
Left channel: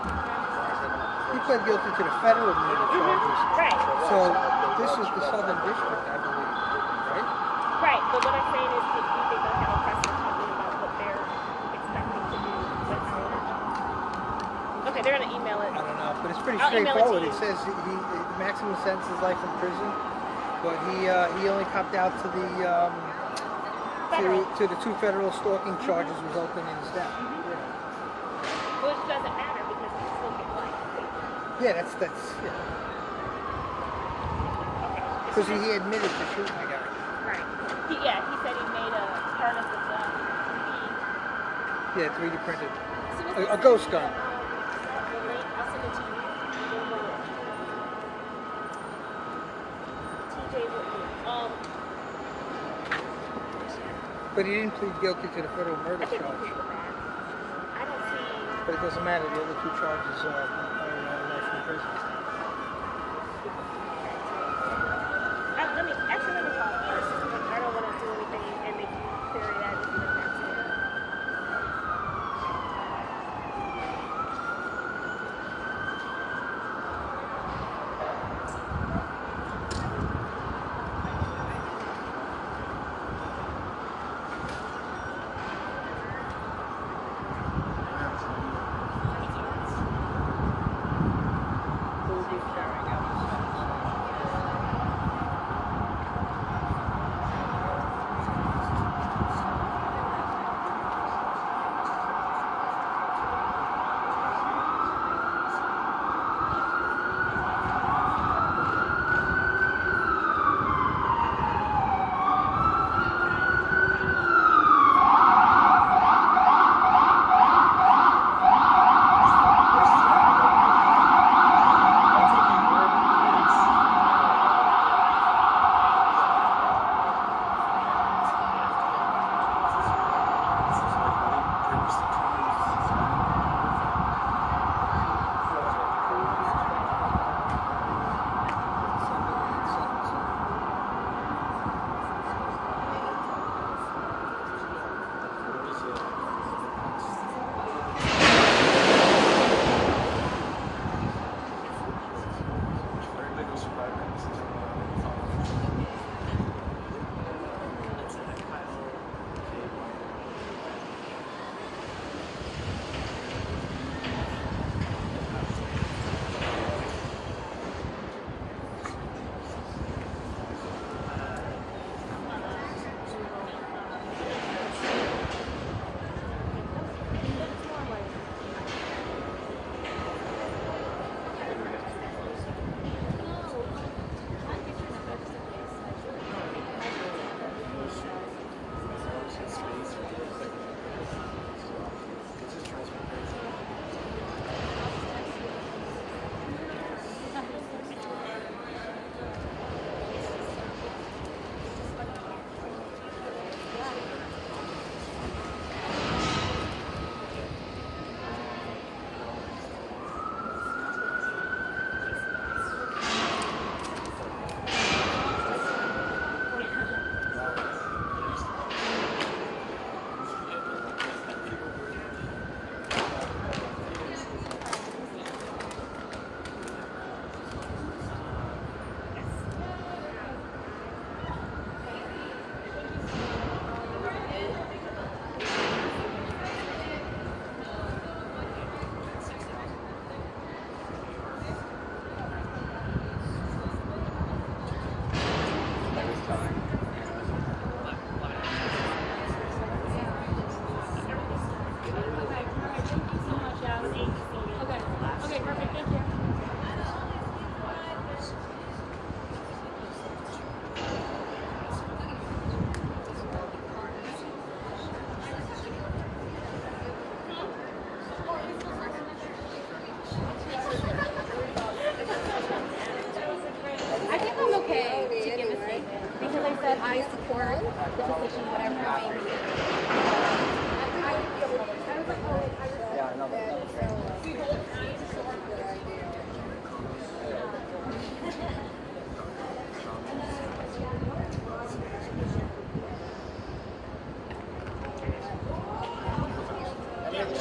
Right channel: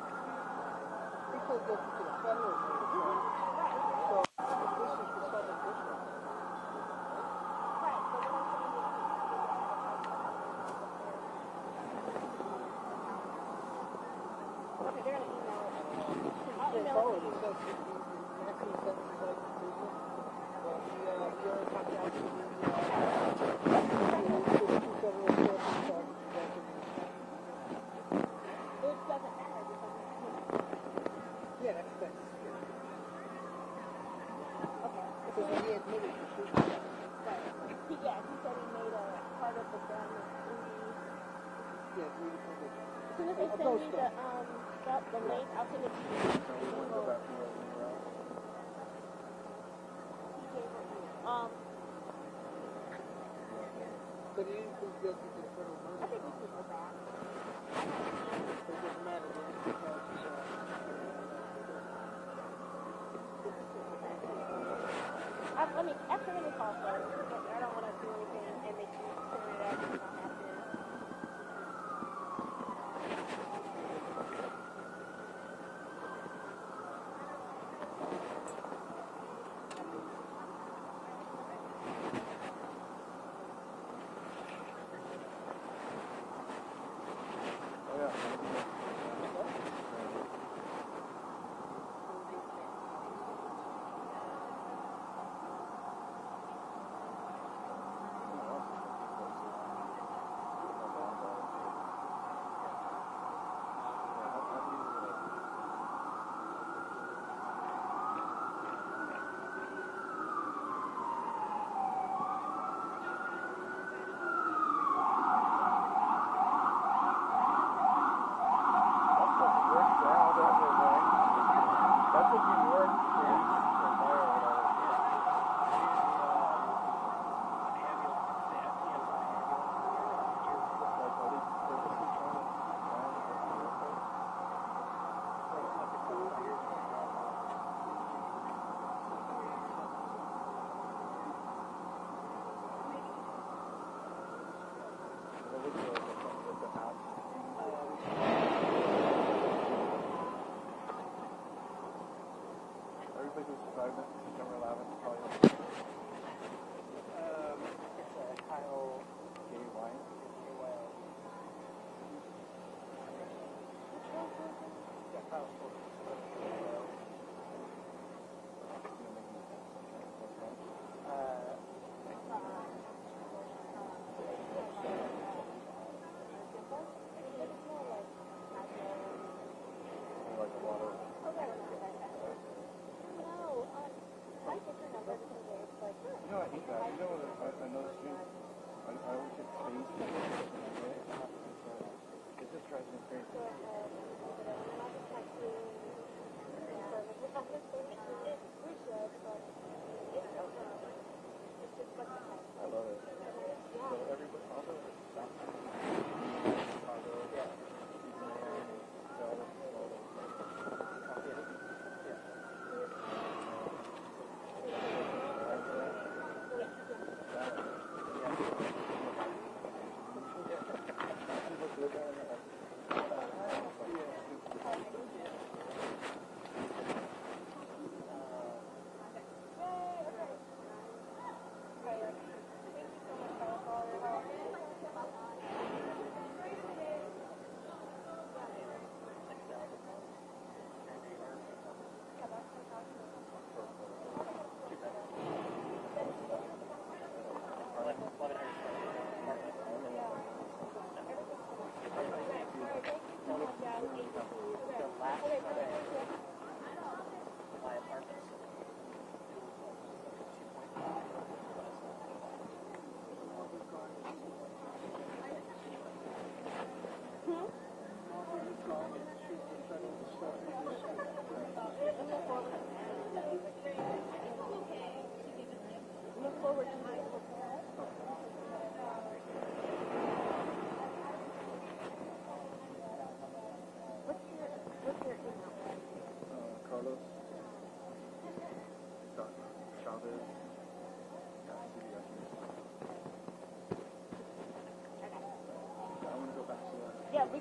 He pled guilty to the federal murder charges. Right. So this is the Southern District, I believe, right? Right, but what I'm saying is if you think they'll have a precedent about what they're expecting to do with okay, they're gonna email it. I don't know, but it's pretty I'll email straightforward. it to It says the maximum sentence is life in prison, but he only copped out to the to the 2 federal stalking charges resulting in his death. Which doesn't matter because he still get life. Yeah, that's yeah. Because he admitted to shooting the guy. Right. He said he made a harness with the 3D. Yeah, 3D printed. So what's A ghost gun. The link, I'll send it to you. But he didn't plead guilty to the federal murder charge. But it doesn't matter, the other 2 charges are life in prison. Let me call first. I don't want to do anything and make you query that.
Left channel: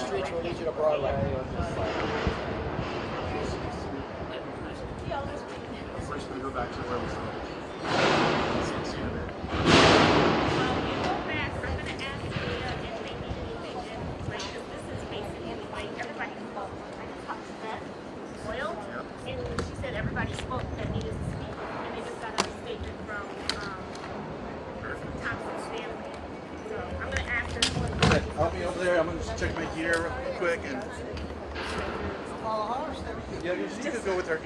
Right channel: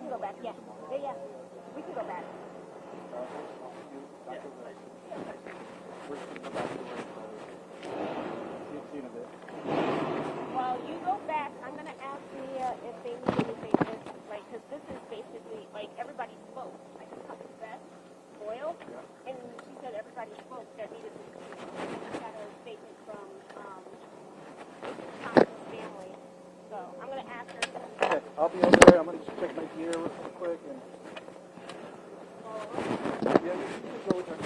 streets will lead you to Broadway. help you over there. I'm gonna just check my gear real quick and. Yeah, you can go with her.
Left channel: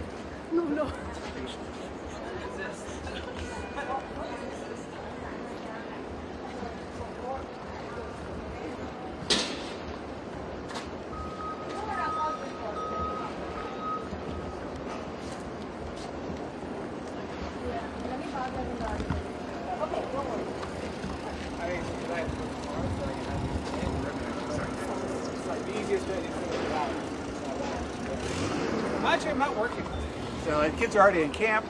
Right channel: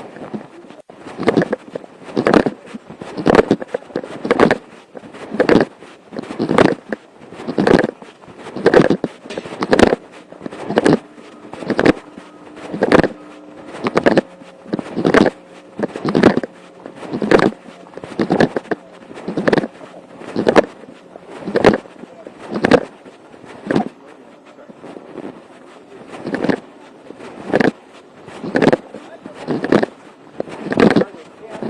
So kids are already in camp.